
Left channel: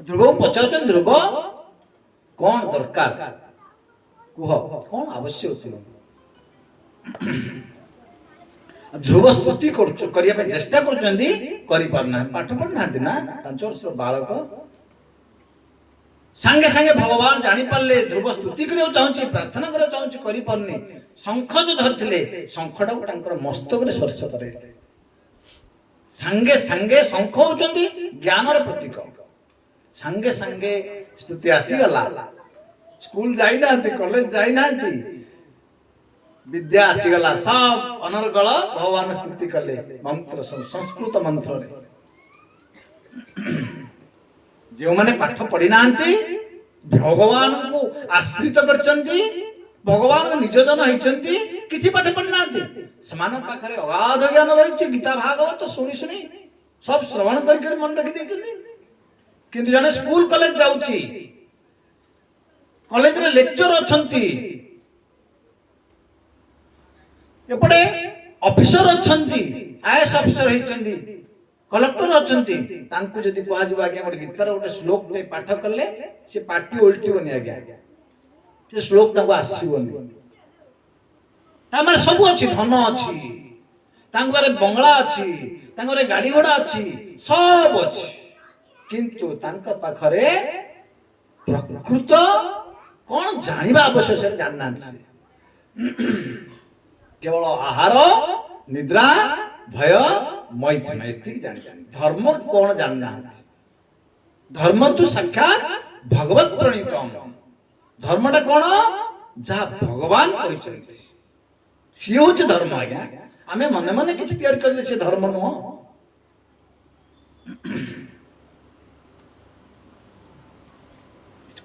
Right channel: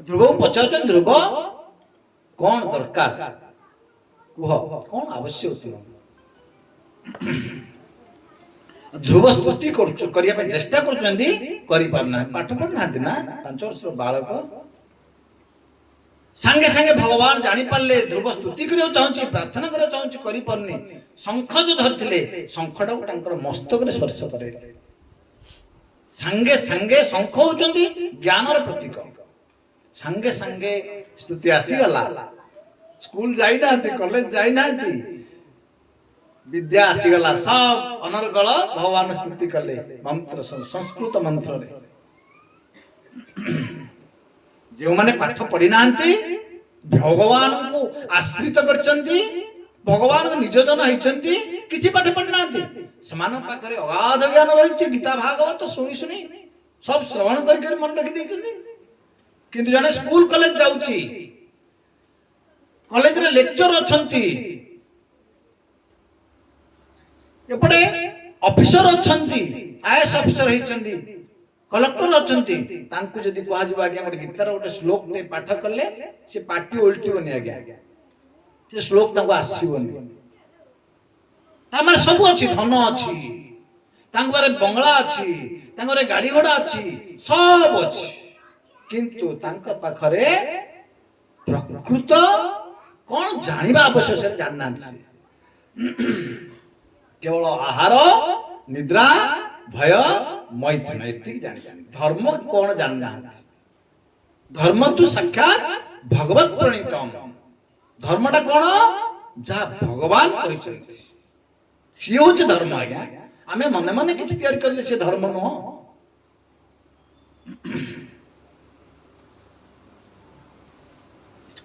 ध्रुव पचारछन ध्रुव कौन दरकार कुह कौन आवश्यक तुम ध्रुव स्तुति करिया पे चेष्टा करछन्ती करि पारना पाठ पढ़ना ना 5 वर्षर बालक संगे संगे भगवान जानी पारले ध्रुव स्तुति करियो चाहूची प्रार्थना करियो चाहूची करि पारनी शंख जो धरथिले शंखटा को तांकर मस्तक रे स्पर्श करे संगे संगे शंख होचन्ती ज्ञानर प्रतीक संगे संगे स्तुति आसी गला स्कूल जाई नांती कॉलेज जाई नांती विद्या आसीगला सब अनर्गल भगवान स्तुति कले मंत्र संस्कृत मंत्र रे जो माने पाठ पढ़ी नांती भगवान को आश्रित करचंती भगवान निज जन होइचंती किछि पाठ पढ़ी नांती समान पाखरे अगाध ज्ञान रहिछि गीता भागवत सुनी सुनी सब श्रवण करके मन रखि दैचंती किंतु जाने स्कूल कॉलेज जाउची कॉलेज रे लेक्चर अछंती एपटे ऑफिसर अछंती आईएएस ऑफिसर होइचंती कलेक्टर अछंती तांकु जदी कहा जिबा आगे गोटे गीतार गोटे श्लोक ने पाठ करले से पार्टी उल्टीबनी आगे से श्लोक तांको आसीबनी तामर सब अछि धन अछि तांक बारे बंगला अछि तांक बारे गाड़ी घोड़ा अछि सब अछि किंतु तांक पाखरे प्रकृत कोन जानिबा आवश्यक से जानना अछि केवल आहार निद्रा भय मैथुन एति जानि धर्म कोन जानना धर्म तो साक्षात भगवत प्रणीतम धर्मटा कोन जा भगवान कहिसंती सी होचे धर्म आज्ञा आमे मने मने किछि तैयार करले से धर्म न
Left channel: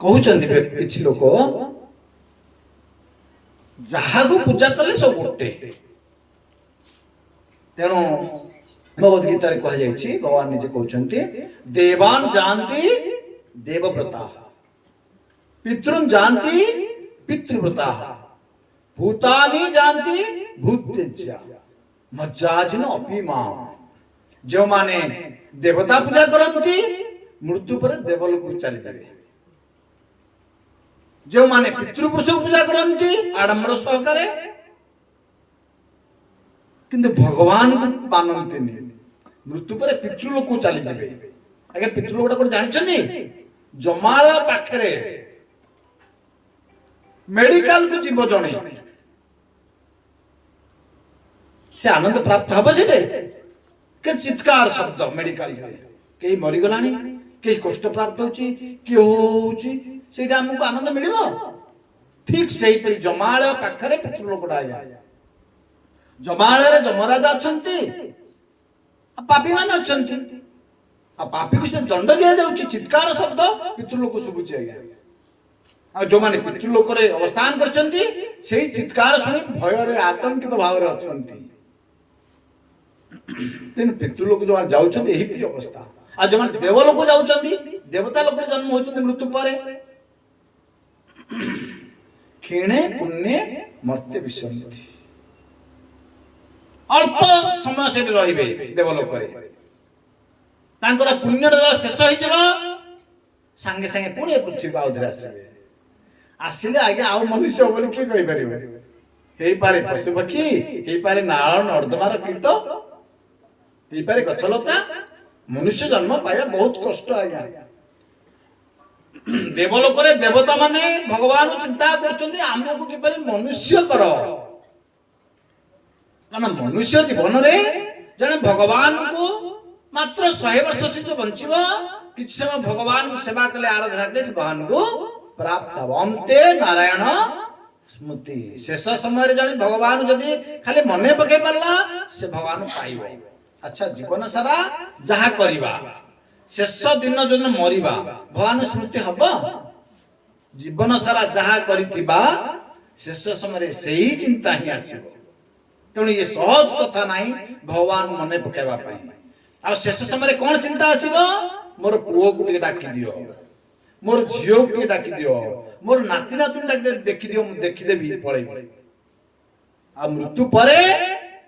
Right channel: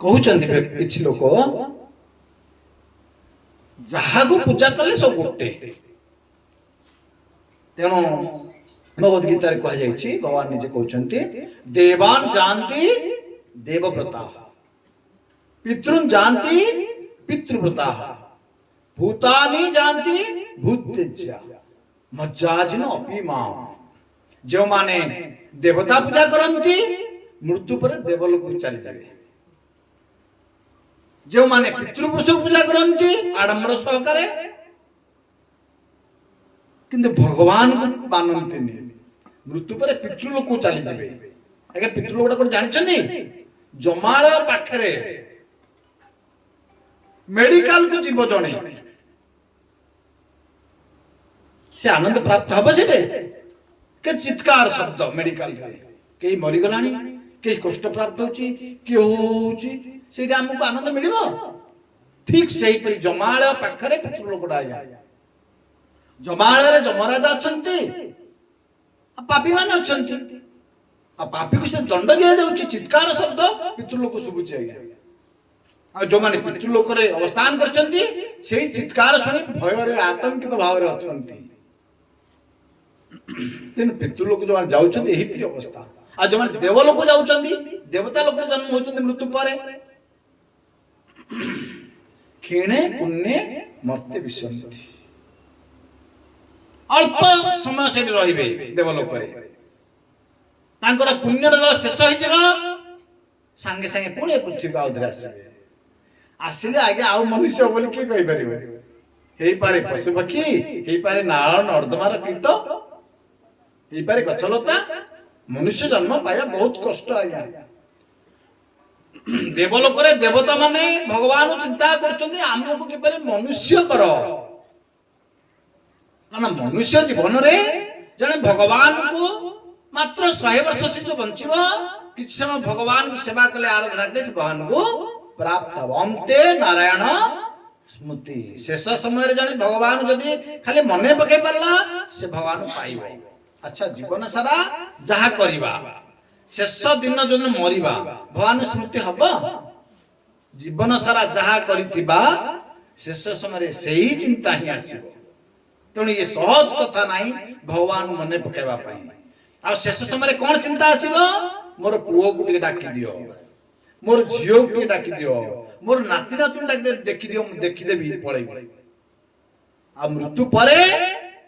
कहउचंती किछि लोक जहाँ को पूजा कले सब गोटे तेणु भगवद गीता रे कह जाइछि भगवान निजे कहउचंती देवान जानती देवव्रता पितृन जानती पितृव्रता भूतानि जानती भूतेज्या मज्जाजिनो अपि माम जो माने देवता पूजा करती मृत्यु पर देवलोक चली जाए, जो माने पितृपुरुष पूजा करती आडंबर सहकारे किंतु भगवान को मानती मृत्यु पर पितृलोक चली जाए। आगे पितृलोक कौन जानते जमाल पाखरे मेडिकल को जीव जड़े से आनंद प्राप्त हम से के चित्कार शब्द मेडिकल कहीं मरीगला कहीं कष्ट प्राप्त होती आमको आनंद मिल ठीक से ही जमाल पाखरे पितृलोकटा जमाल जमराजा अच्छा पापी मान अच्छा पापी को दंड दि जाऊँगी चित्कार शब्द पितृलोक शुभुचे आज्ञा जो मैंने पितृलोक अवस्थान करछंती सेही चित्कार शुणी भय आतंकित भाव में अच्छा पितृलोक जो जाऊँगी यही अवस्था आ जो मैंने देवलोक जाऊँगी देवता लोक जन्म होती मृत्यु पर क्षीणे पुण्य मर्त्य विसंति अल्प समय से रहिबे देवलोक पुण्य शेष हो सांगे सांगे पुणी पृथ्वी को आउे आसवे आसिले आगे आउ मनुष्य बोली किए कहीपर हो पारे पशु पक्षी हो पारे नाल नर्दमार कीट हो पारे गछलता मनुष्य जन्म पाइबा बहुत कष्ट आज्ञा देवलोक देवता माने भगवान चिंता करमको किपर मनुष्य कर कारण मनुष्य जीवन में जने भगवान को मात्र 100 वर्ष से जो बंचिब कि समय भगवान को सेवा कले आराधना कले से भगवान को प्राप्त हम अंते नारायण स्मृति शेष समय जने भगवान जदि खाली मन पके पाला से भगवान पाइब। अच्छा जीवन सारा जहा करिबा शेष दिन जो मरिबा भगवान स्मृति हम जीवन सारा जहा करिथिबा शेष समय से ही चिंता ही आसीबो। तेणु ये सहज कथा नहीं भगवान मन पकेबा आ शेष समय कौन चिंता आसीबो मोर पुओ को डाकी दियो मोर झीओ को डाकी दियो मोर नाती नातुन डाकी देखि दियो देखिदेवी पळेबी आ मृत्यु परे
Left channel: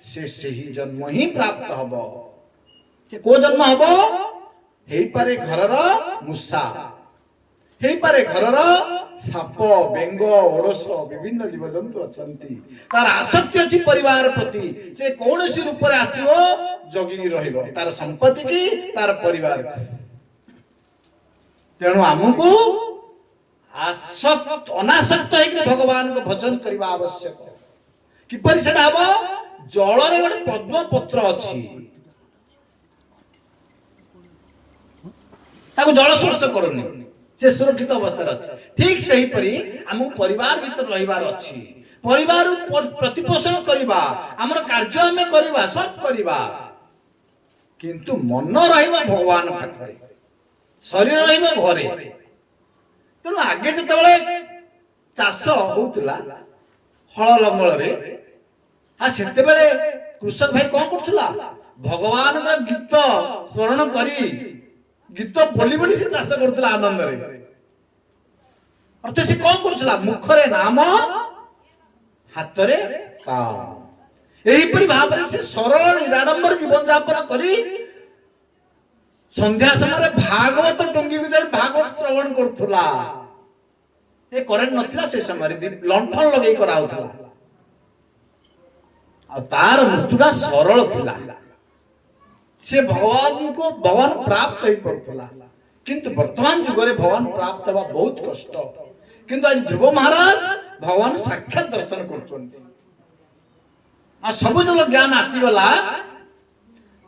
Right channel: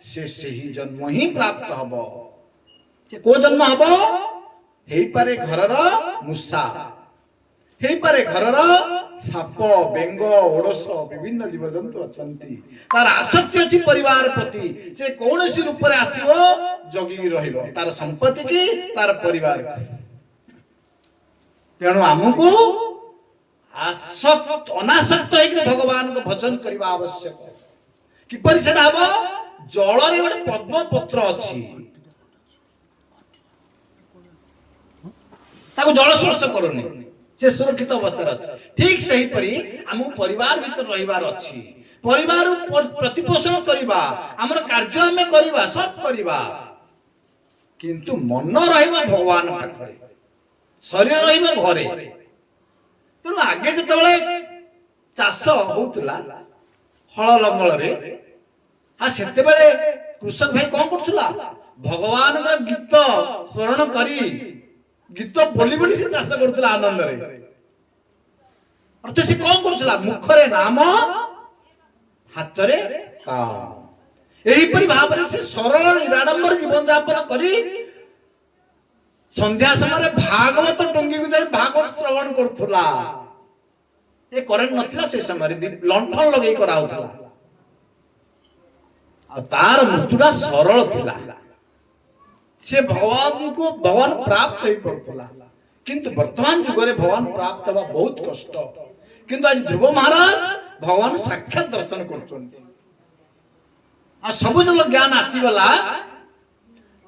से ही जन्म ही प्राप्त हबो। से को जन्म हबो हेई पारे घरर मूषा हेई पारे घरर साप बेंग ओडस विभिन्न जीवजंतु अछंती तार आसक्ति अछि परिवार प्रति से कौन सी रूप रे आसीबो जगी रहिबो तार संपत्ति की तार परिवार तेणु आमको आसक्त अनासक्त होकर भगवान को भजन करवा आवश्यक किपर से हम जल रे गोटे पद्म पत्र अछि ताको जल स्पर्श करनी से सुरक्षित अवस्था अच्छे ठीक से ही परी आमको परिवार भीतर रहिबार अच्छी परिवार प्रतिपोषण करवा आमर कार्य आम करवा सब करवा किंतु मन रहिबा भगवान पाखरे शरीर रहिबा घरे। तेणु आगे जिते चाष होउतला हल लंगल रे सेते बेले कृषक भाई कौन करथुला भगवान गीत स्मरण करी गीत बोली बोली से चाष करथुला आनंद रे अर्थ से कौन करथुला मुखरे नाम हाथ रे काम एही परि भाव से सरल निराडंबर जीवन यापन करी संध्या समय भागवत टंगी को जाए भागवत श्रवण करथुला ए करेंट नथिला से समय लंठन लगे कराउथुला आ तार मृत्युटा सरल थिला से भगवान को भगवान प्राप्त हो पड़थुला किंतु वर्तमान युग रे भगवान प्राप्त हवा बहुत कष्ट किंतु आज ध्रुव महाराज भगवान साक्षात दर्शन करछन्ती आ सब जल ज्ञान आसीगला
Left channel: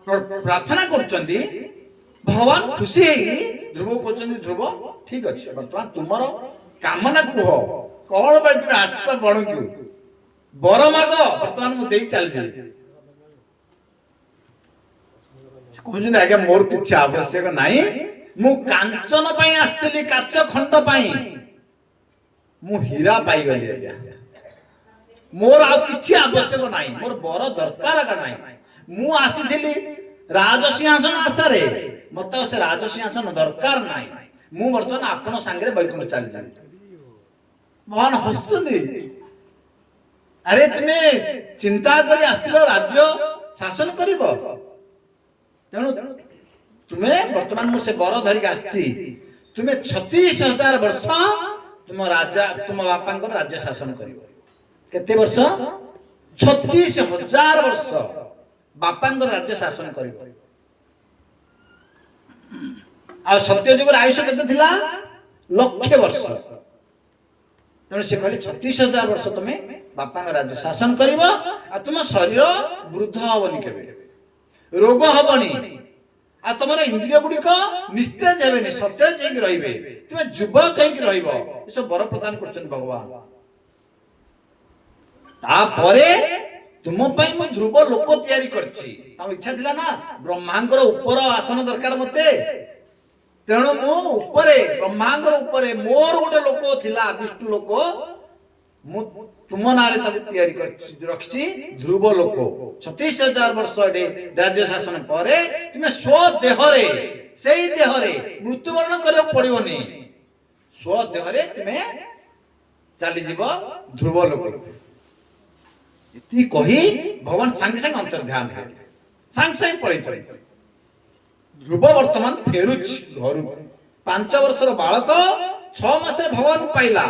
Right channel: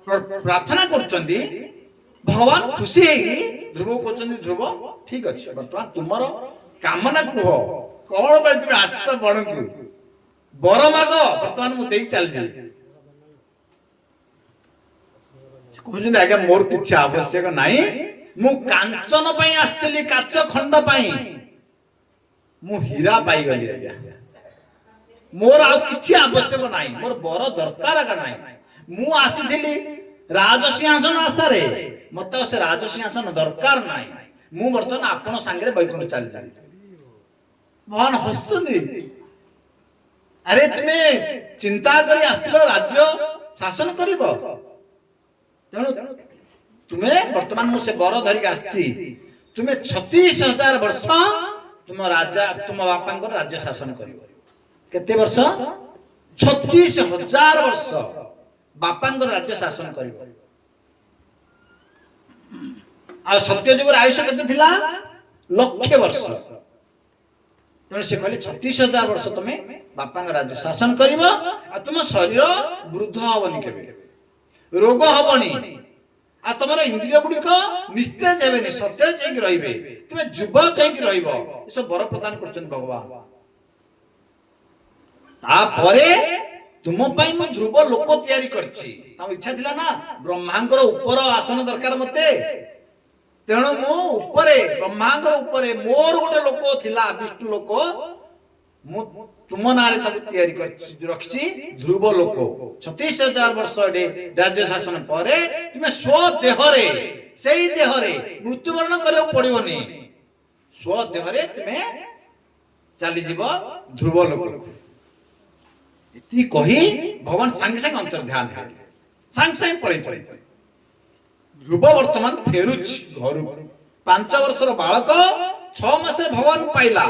प्रार्थना करछन्ती भगवान खुशी है ध्रुव कहते ध्रुव ठीक अच्छे बर्तमान तुमर कामना कह कौन पाई तुम आस बण को बर माग बर्तमान मुझे चल कहते आज्ञा मोर किसी आवश्यक नहीं मु कांचन पाई आसली काच खंड पाई मु हीरा पाई गली आज्ञा मोर आ किसी आवश्यक नहीं मोर बर दरकार का नहीं मु आसी राजसिंहासन आशारे मत से राजसिंहासन दरकार नहीं मु बर्तमान आपण सांगे बैकुंठ चली जाए भगवान हसुंदी अरे तुम्हें चिंता करी आसथिल राज्य शासन करिब तेणु तुम्हें वर्तमान मुझे बर धरिक आसी तुम्हें 36,000 वर्ष तुम राजा तुम बापा राज्य शासन कर केते वर्ष 36,000 वर्ष बापा राज्य शासन कर सत्यजुग आयुष केते लक्ष वर्ष तेणु से कहले 36,000 वर्ष तुम्हें बापा राज्य शासन कर तुम शरीर वृद्ध हबनी के रोग हबनी आ तुम इंद्रिय गुड़िक निस्तेज हेबे सतेज रही तुम युवक हो बर प्रदान कर भगवान तापरे तुम मु ध्रुव लोक तैयारी करछि इच्छा थिला ना ब्रह्मांकर ऊपर आसन दरकार मते तेणु मु ऊपर ब्रह्मांकर ऊपर मोर गोटे लोक थिला विष्णु लोक मु तुम नारे तक तैयारी कर रखछि ध्रुव लोक 36,000 वर्ष राज्य शासन पर तुम्हें स्वदेहरे सेही देहरे मृत्युवरण करियो पड़िबनी स्वदेहरे तुम्हें चली जीव ध्रुव लोक इति कही भगवान संगे संगे अंतर ध्यान है संगे संगे पड़े चले ध्रुव वर्तमान फेरुच घर 5 वर्षर बालक 6 मास भगवान पाइला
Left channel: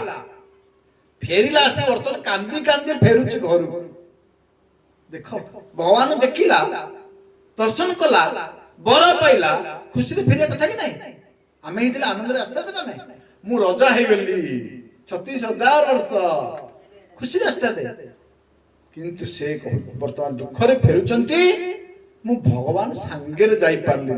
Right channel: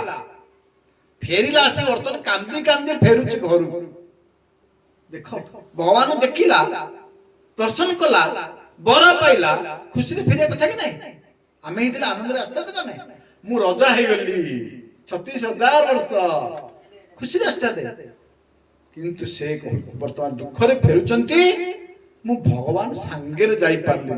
फेरिला आसी वर्तमान कांदी कांदी फेरुच घर देख भगवान देखिला दर्शन कला बर पाइला खुशी फेरिया कथा कि नहीं आम ही आनंद आस्था ना नहीं मु रजा हो गली 36,000 वर्ष खुशी आस्था दे किंतु से वर्तमान दुखरे फेरुचंती मु भगवान सांगे जाई पारली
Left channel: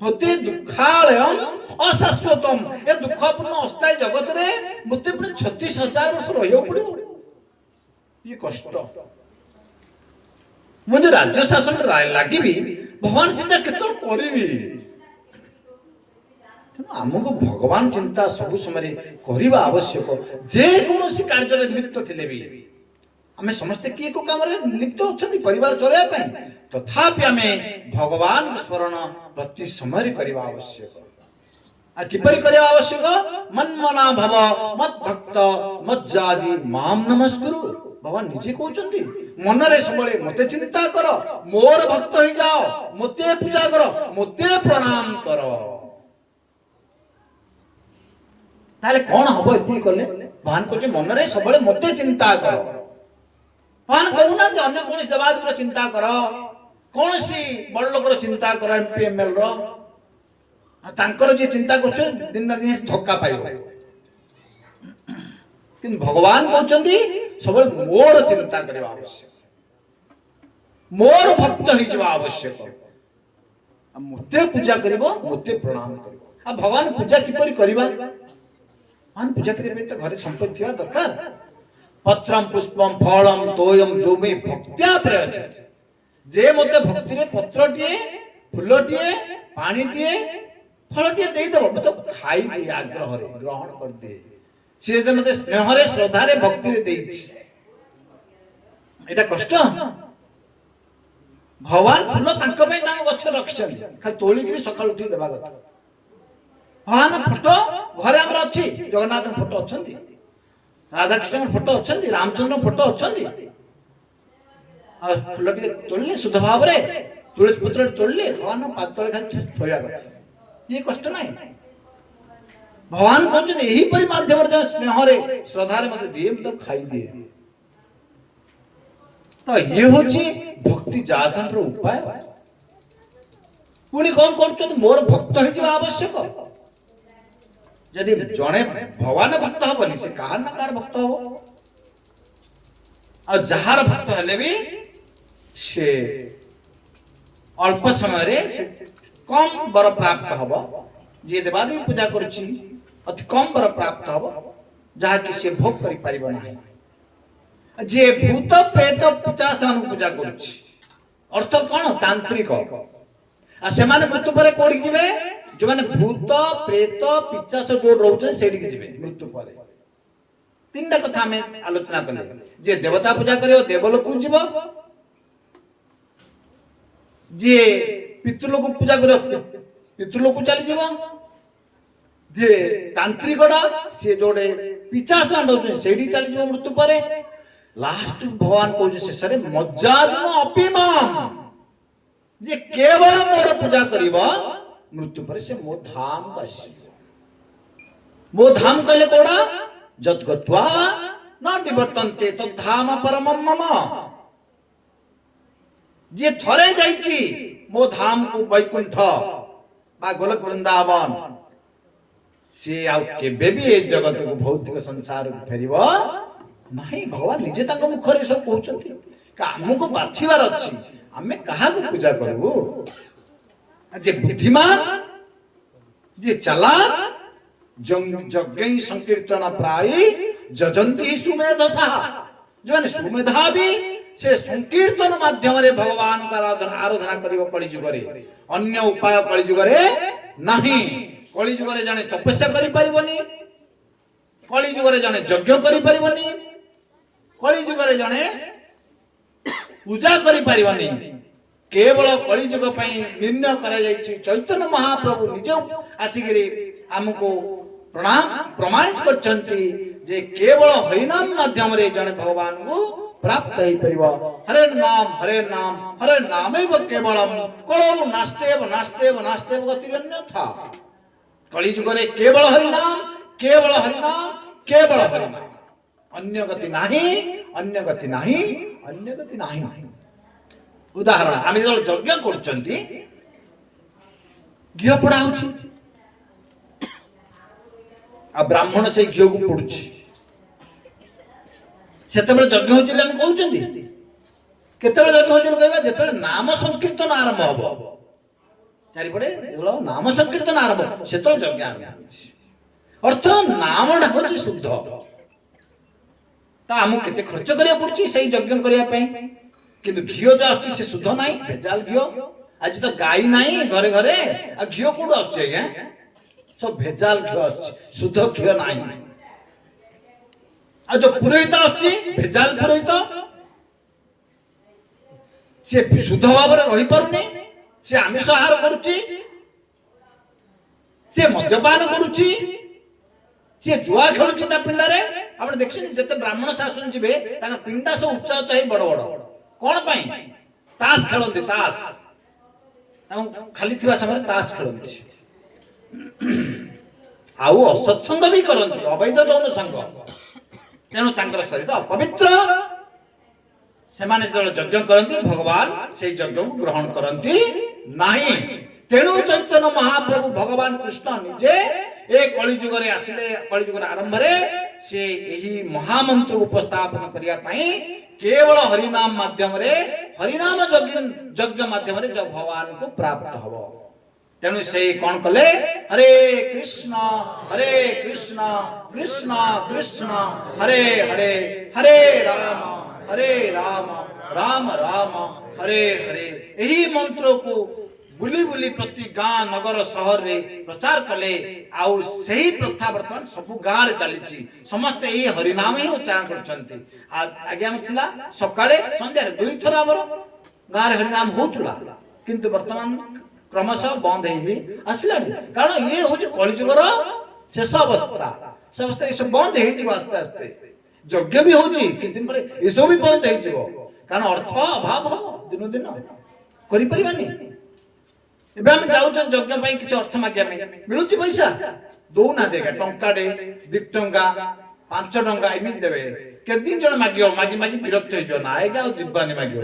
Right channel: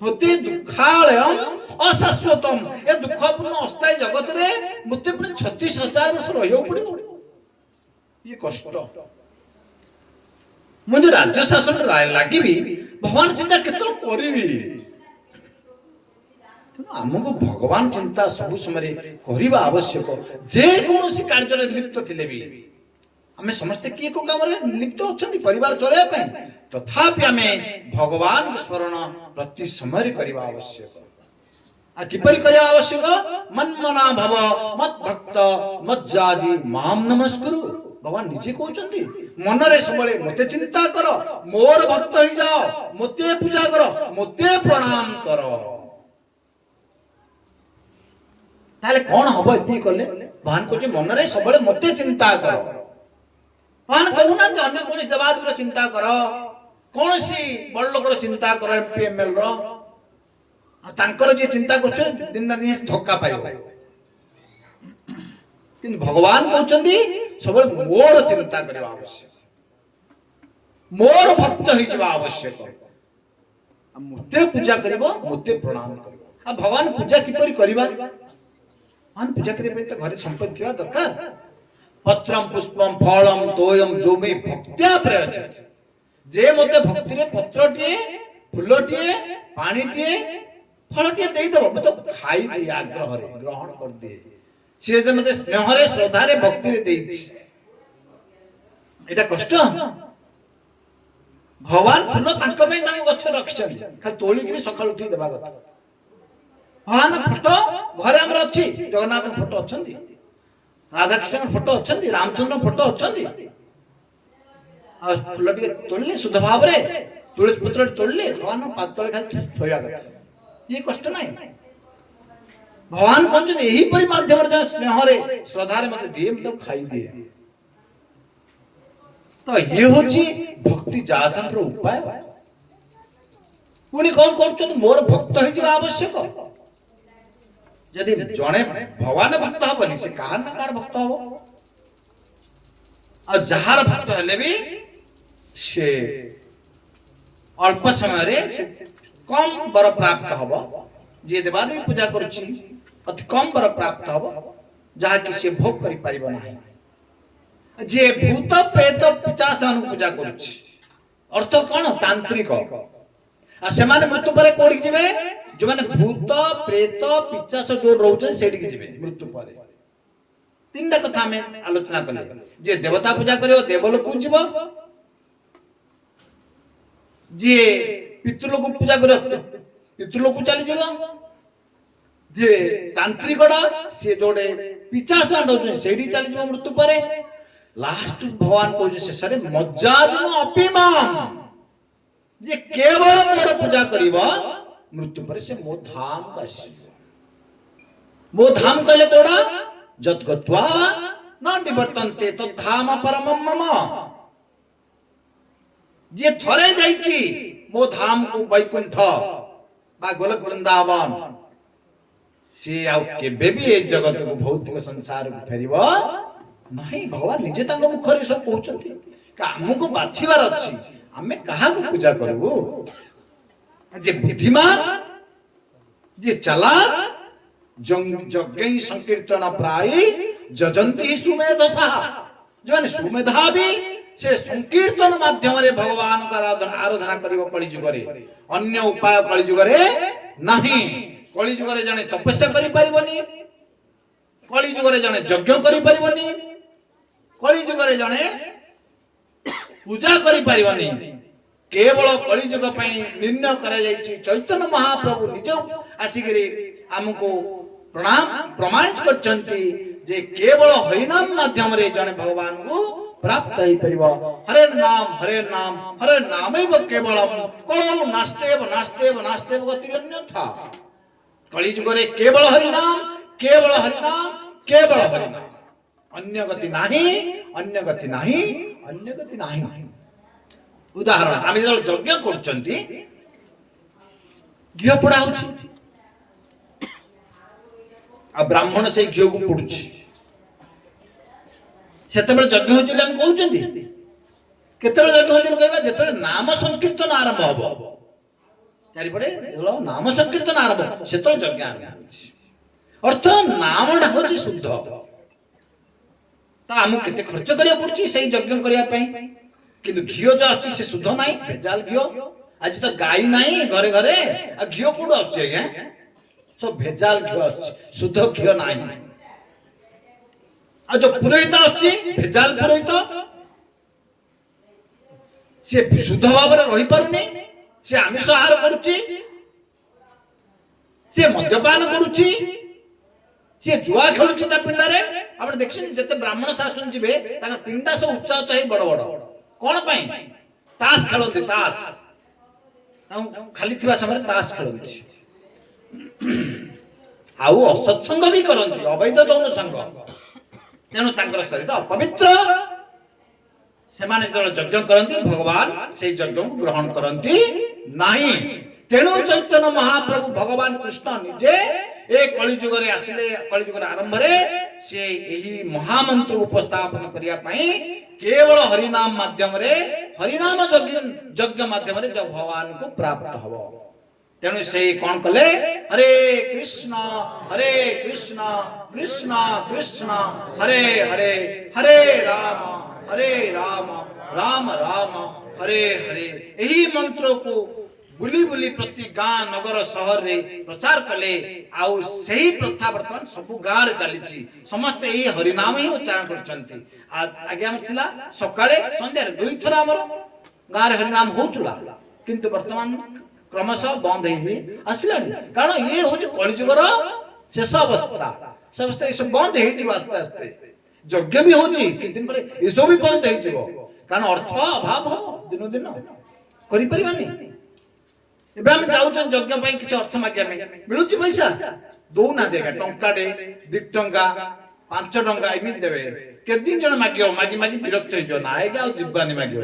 होती दुखालयम अशाश्वतम ए दुखपूर्ण अस्थायी जगत रे मते 36,000 वर्ष रहियो पड़िबो ये कष्ट मुझे राज्य शासन लगी भगवान चिंता केतल करिबी आमको भगवान चिंता सब समय करवा आवश्यक जे कौन कार्य लिप्त थिले भी आम समस्ते किए को काम लिप्त अच्छा परिवार चलने तथापि आम भगवान स्मरण प्रति समय करवा आवश्यक आ किपरि करवा आवश्यक मन्मना भव मत भक्त मज्जाजी माम नमस्कुरु भगवान निजे कहते मन रे सब मते चिंता कर मोर भक्त हो जाओ मते पूजा कर मते प्रणाम कर ताले कौन हम ये कले भगवान कहते मन रे सब मते चिंता कर भगवान कहूना अन्य कौन देवादेव चिंता कर कौन सी बड़ लोकर चिंता कर एमपी एमएल जी चिंता कर दिन दिन धक्का पाइब कि भगवान कहते सब मोर चिंता करवा आवश्यक मोर भक्त हो आवश्यक मते पूजा करिवो मते प्रणाम करिवो आ भगवान पूजा किपरि करबा भगवान पूजा करबे तो घर संपत्ति थिया दरकार पत्रम पुष्पम फलम तोयम जो में भक्त्या प्रयच जे मते भक्ति रे पत्र टिए फूल टिए पानी टिए फल टिए देई दबो मते खाई दे आग्रह रे ग्रहण कर दे से जे मते स्नेह रे श्रद्धा रे भक्ति रे देई एटा कष्ट भगवान फूल तांक पे तांक गछ रखछन खाली तोली गिरी सकाळ उठी देबा कथा भगवान फोटो घरे हमर अछि जगन्नाथ फोटो अछंती राधा कृष्ण फोटो अछंती रामचंद्र फोटो अछंती आ फूल टिके तोलले शुद्ध भाव रे तुलसी पत्र तोलले भगवान पाद तले खाली थोया कथा ये कष्ट नाही भगवान कहते यही परि माध्यम रे स्नेह रे श्रद्धा रे मते दिए मतलब खाई दिए तो ये होची भक्ति जातंत्र उपाय पुणी कौन कर मोर भक्त हो आवश्यक यदि जड़े भगवान भक्त हेनी से कहार ना कार भक्त हम आ जार भक्त हेले भी से अल्प समय रे से कम बर प्राप्त हम जी देवादेवी पूजा करुच्ची अति कम बर प्राप्त हम जहा कि से भोग करि परिबो नाही जे भूत प्रेत पिशाच मान पूजा करुच्ची अर्थ कौन तांत्रिक आ से माने मृत्यु पर कोडी जिवे जो माने भूत प्रेत पिशाच जो रहउछ सेडी के जिवे मृत्यु पर तीनटा कथा में आलोचना कले जे देवता पूजा करियो देवलोक को जीव जे पितृलोक पूजा करियो पितृलोक को चली जीव जे तांत्रिकड़ा से जोडे पिशाच मान रहउछ सेडी चली जीव मृत्यु पर लास्ट भगवान को शेष रे मज्जाजन अपिमाम जे केवल मोर पूजा करिब मृत्यु पर से मो धाम को आसीब। मो धाम कहले कोड़ा जत गत्वा न निवर्तन्ते तो धाम परमम मम। जे थरे जाइछि मो धाम को वैकुंठ बा गोलक वृंदावन से आउ केबे भी ए जगत को भौतिक संसार को फेरिब नहीं। भगवान निजे तांको मुखरे सब कहउछन्ति का हमको बाछिबार अछि आमे काहा को पूजा करबो। जे बुद्धिमान जे चालाक यज्ञ संकीर्तन प्राय जजंती सुमेधसा जो माने सुमेधावी से संकीर्तन माध्यम रे भगवान का आराधना करिवो कली जुगरे। अन्य उपाय कली जुगरे नहीं। कली जुगरे जने तपस्या करि परिबनी, कली जुगरे जने यज्ञ करि परिबनी, कली जुगरे जने पूजा करि परिबनी। केवल कली जुग पई निर्णय करा जायछि। चैतन्य महाप्रभु निज आसिगिरी हमको प्रमाणित करछन्ति जे केवल हरिनाम माध्यम रे जने भगवान को प्राप्त होई परिबो। हरे नाम हरे नामेव केवलम कलो नास्तेव नास्तेव नास्तेव गतिरन्यथा। कली जुग रे केवल हरिनाम केवल हरिनाम केवल हरिनाम, अन्य गति नाही अन्य गति नाही अन्य गति नाही। उदाहरण आमे जो यज्ञ करछन्ति घिओ पोड़ा होछि आ ब्राह्मण से घिओ को पोडुछि सेतेबेले यज्ञ होछि हम कहउछन्ति। केतेबेले यज्ञ होछि कहबा जेतेबेले नाम संकीर्तन आरंभ हबो चारिपटे जेलो नाम संकीर्तन आरंभ सेतो यज्ञ आरंभ होछि। अर्थ नामडा होछि शुद्ध ता हमु केते खर्च करिया पड़छि सेही यज्ञ करिया पई। किंतु घिओ जो अछि से शुद्ध नाही, भेजाल घिओ। आज तो गाई नाही घरे घरे आ घिओ कोड अछि है सब भेजाल घिओ अछि, शुद्ध घिओ नाही। आ जो पुरोहित अछि भेजाल पुरोहित से शुद्ध भाव रे रहि पारुनी, से आमिष आहार करूची, से मद्यपान करूची, से जुआ खेलुची ता पिंडा रे। आपण देखछिन जते ब्राह्मण शासन जिवे ताकर पिंडा सब उच्चा उच्चा ही बड़ बड़ कोन पई तास खेलंती। तास खाली थिबा समय तास खेलंती आउ असत्संग भी करंती, अवैध जौन संग। तेणु तांकर शरीर अपवित्र। सेमाने यज्ञ करंती भगवान से यज्ञ को ग्रहण करंती नाही। तेणु चैतन्य महाप्रभु भगवान कृष्ण निजे ए कली जुग रे आसिले। कली जुग आरंभ रे से एही महामंत्र उपस्थापन करिया पई केवल हरिनाम माध्यम रे हरिनाम यज्ञ माध्यम रे जो भगवान को प्राप्त हबो। तेणु से कौन कले हरे कृष्ण कृष्ण कृष्ण हरे हरे हरे राम राम राम हरे हरे। यही मंत्र को बुली बुली प्रति गाँ नगर सहर रे प्रचार कले। आउ सही प्रथा वर्तमान सब गाँ रे चली समस्त यही हरिनाम ही उच्चारण करछन्ति। आगे हम थिला सकाळे संध्या रे दुई थरा हमर गाँ रे हरिनाम होतुला, किंतु वर्तमान क्रमशः बंद ही आसिलानी। कारण ये होची कलिजुगर शेष अवस्था। से अवस्था ये सब बंद हे जिवो आस्ते आस्ते। यज्ञ भी होची कि दिन पर ये सब भी बंद हे जिवो, कारण अर्थ अभाव हो दिन दिन करि परिबानी। एबे हम जाउछन यज्ञ पई किछ अर्थ मागिया में मिलुची पैसा दो ना देगा टंका दे 2 टंका 5 टंका एमित देबे। के दिन जण मागियो मागी मागी विरक्त हो जो ना आएगा जिबानी मागियो।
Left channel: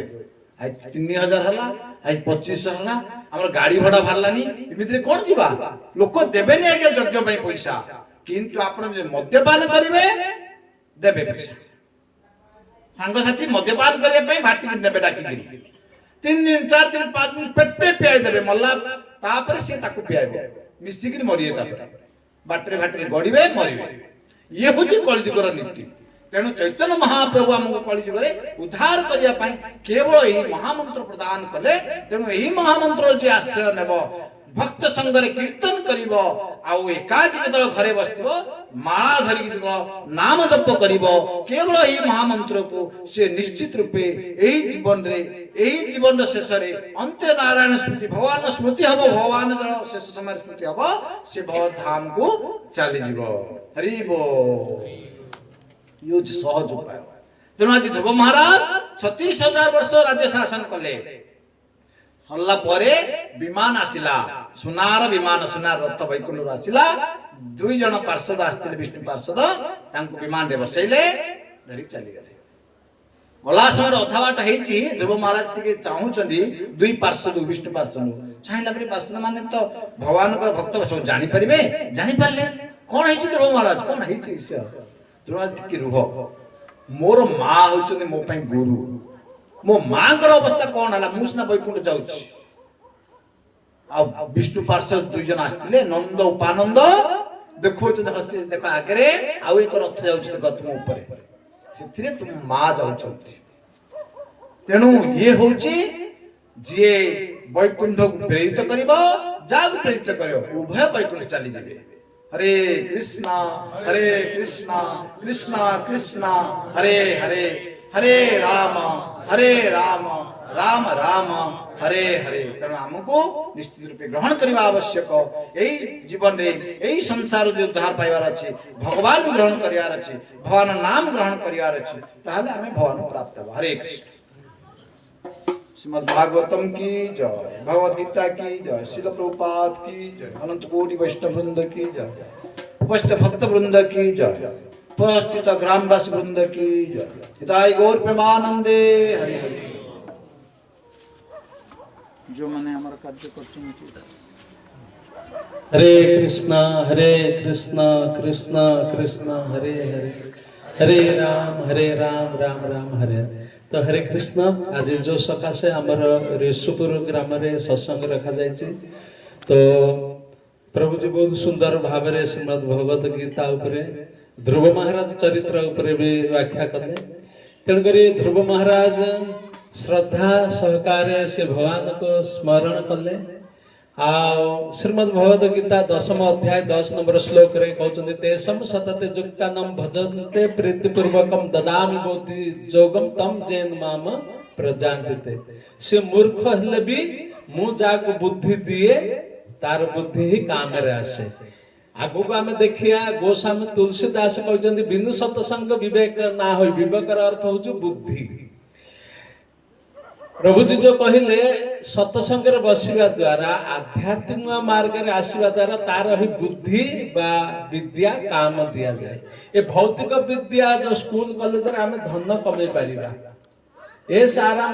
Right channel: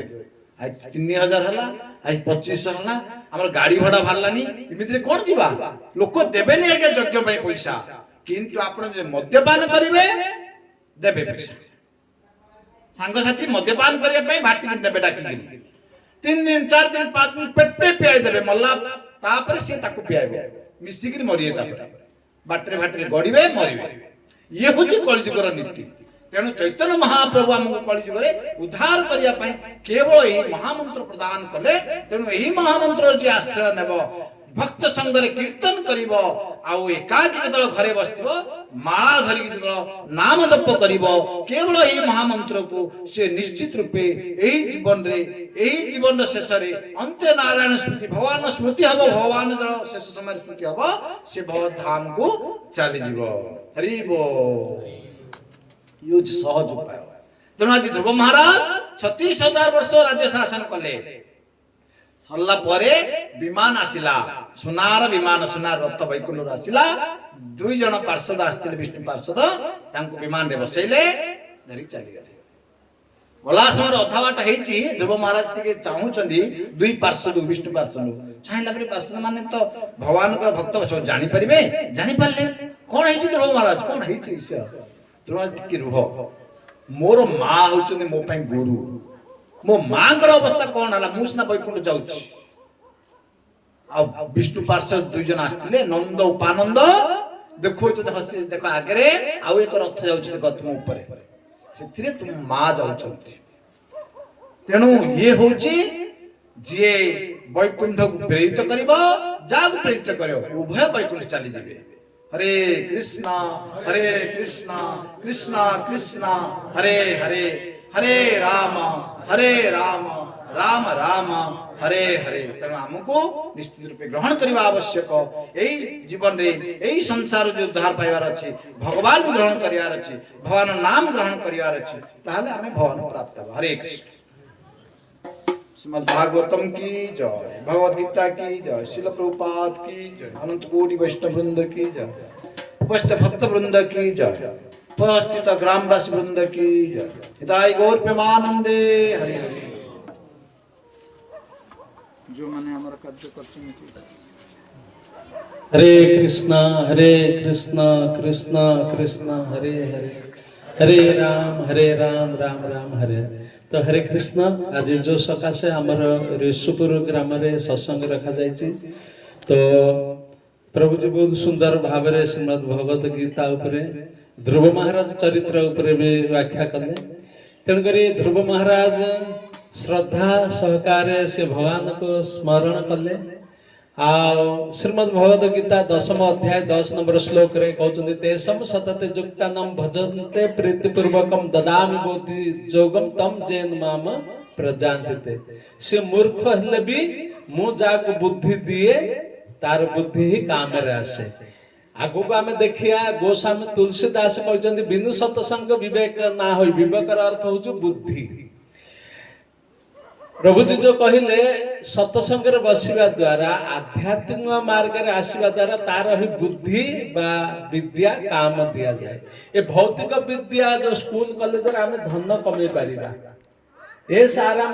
आई 3000 हला आई 2500 हला हमर गाड़ी भाड़ा भारलानी एमित कोन जीवा लोक देबे नै आगे यज्ञ पई पैसा। किंतु आपण जे मद्यपान करिवे देबे पैसा। संग साथी मद्यपान करिया पई भाटी कि देबे डाकी 3 दिन 4 दिन 5 दिन पेटे पियाई देबे मल्ला तापर से ताकू पियाइबो मिसिकिर मरिए तापर बाटरे भाटरे गड़िबे मरिबे। ये होची कलिजुगर नीति। तेणु चैतन्य महाप्रभु हमको कलिजुग उद्धार करिया पई केवल यही महामंत्र प्रदान कले। तेणु यही महामंत्र जे आश्रय नेब भक्त संग रे कीर्तन करिवो आउ एकाकी जदल घरे बसथिबो माला धरि जदल नाम जप करिवो केवल यही महामंत्र को से निश्चित रूपे यही जीवन शेष रे अंत्य नारायण स्मृति भगवान स्मृति हबो। भगवान जल शेष समय स्मृति हबो से भव धाम को चली जीवो। हरि बोल। यो सहज उपाय। तेणु आज ध्रुव महाराज 36,000 वर्ष राज्य शासन कले। सरला परे विमान आसिला सुनार विमान सुनार रथ वैकुंठ आसिला दुई जन पार्षद आस्ते विष्णु पार्षद तांको विमान रे बसैले धरी चली गले गला समय अधा बाट हेची ध्रुव महाराज टिके चाहूचंदी दुई पार्षद विष्णु पार्षद चाहला परे पार्षद माने तो भगवान को भक्त सब जानि परिबे जानि परले कोन हेची ध्रुव महाराज कोन हेची ईश्वर ध्रुव महाराज टिके रुह मोर मां होचंदी मो पई गुरु मो मां कर अवस्था कोन हला मुसना वैकुंठ जाउची आ विष्णु पार्षद दुई जन आस्तिले नंद उपानंद देखो तो हसी देखो आगे आउ एक रथ जाउची देखो तुम ऊपर सेथिरे तुम मां जाउचंती तेणु ये होची जे वैकुंठ को प्रेरित करिबो जाग प्रेरित करियो उभय वैकुंठ चली जिवे हरे कृष्णा कृष्णा कृष्णा हरे हरे हरे राम राम राम हरे हरे तेणु आमको निश्चित रूपे ग्रहण करवा आवश्यक यही जीवन रे यही संसार जो उद्धार पाइबार अछि भगवान ग्रहण करियार अछि भगवान नाम ग्रहण करियार अछि ताहले हमें भगवान प्राप्त हो हरे कृष्ण श्रीमद् भागवतम की जय भगवद गीता की जय श्रील प्रभुपाद की जय अनंत कोटि वैष्णव वृंद की जय उपस्थित भक्त वृंद की जय उपस्थित ग्रामवासी वृंद की जय हिताय गौर प्रेमानंदे हरे हरे जो मैंने हमारा कार्य करते हरे कृष्णा कृष्णा कृष्णा हरे हरे हरे राम राम हरे हरे तो हरे कृष्ण आज जो सकाशे आमर ऋषुपुर ग्राम रे सत्संग रखा जायछि तो प्रभु जी बहुत सुंदर भाव रे श्रीमद् भगवत गीता उपरे ध्रुव महाराज चरित्र उपरे भी व्याख्या कले तेणुकरी ध्रुव महाराज श्रद्धा सहकारे से भगवान को स्मरण कले आ श्रीमद् भगवत गीता 10th अध्याय 10 नंबर श्लोक रे कहउछन्ति तेसम सतते युक्तानाम भजन्ते प्रीतिपूर्वकम ददामि बोधि जोगम तम जेन माम प्रजान्ते से मूर्ख हेले भी मु जाको बुद्धि दिए तार बुद्धि ही काम रे आसे आगु को आमे देखिया गोस्वामी तुलसीदास कहउछन्ति बिनु सत्संग विवेक ना होई विवेक र अर्थ होछु बुद्धि प्रभु जी जो कहले सत्संग रे बसिबा द्वारा आध्यात्मिक मार्ग रे आसीबा द्वारा तार ही बुद्धि बा विद्या काम दिया जाए ए भौतिक विद्या जो स्कूल कॉलेज रे हमें धन कमे परिबा ए सारा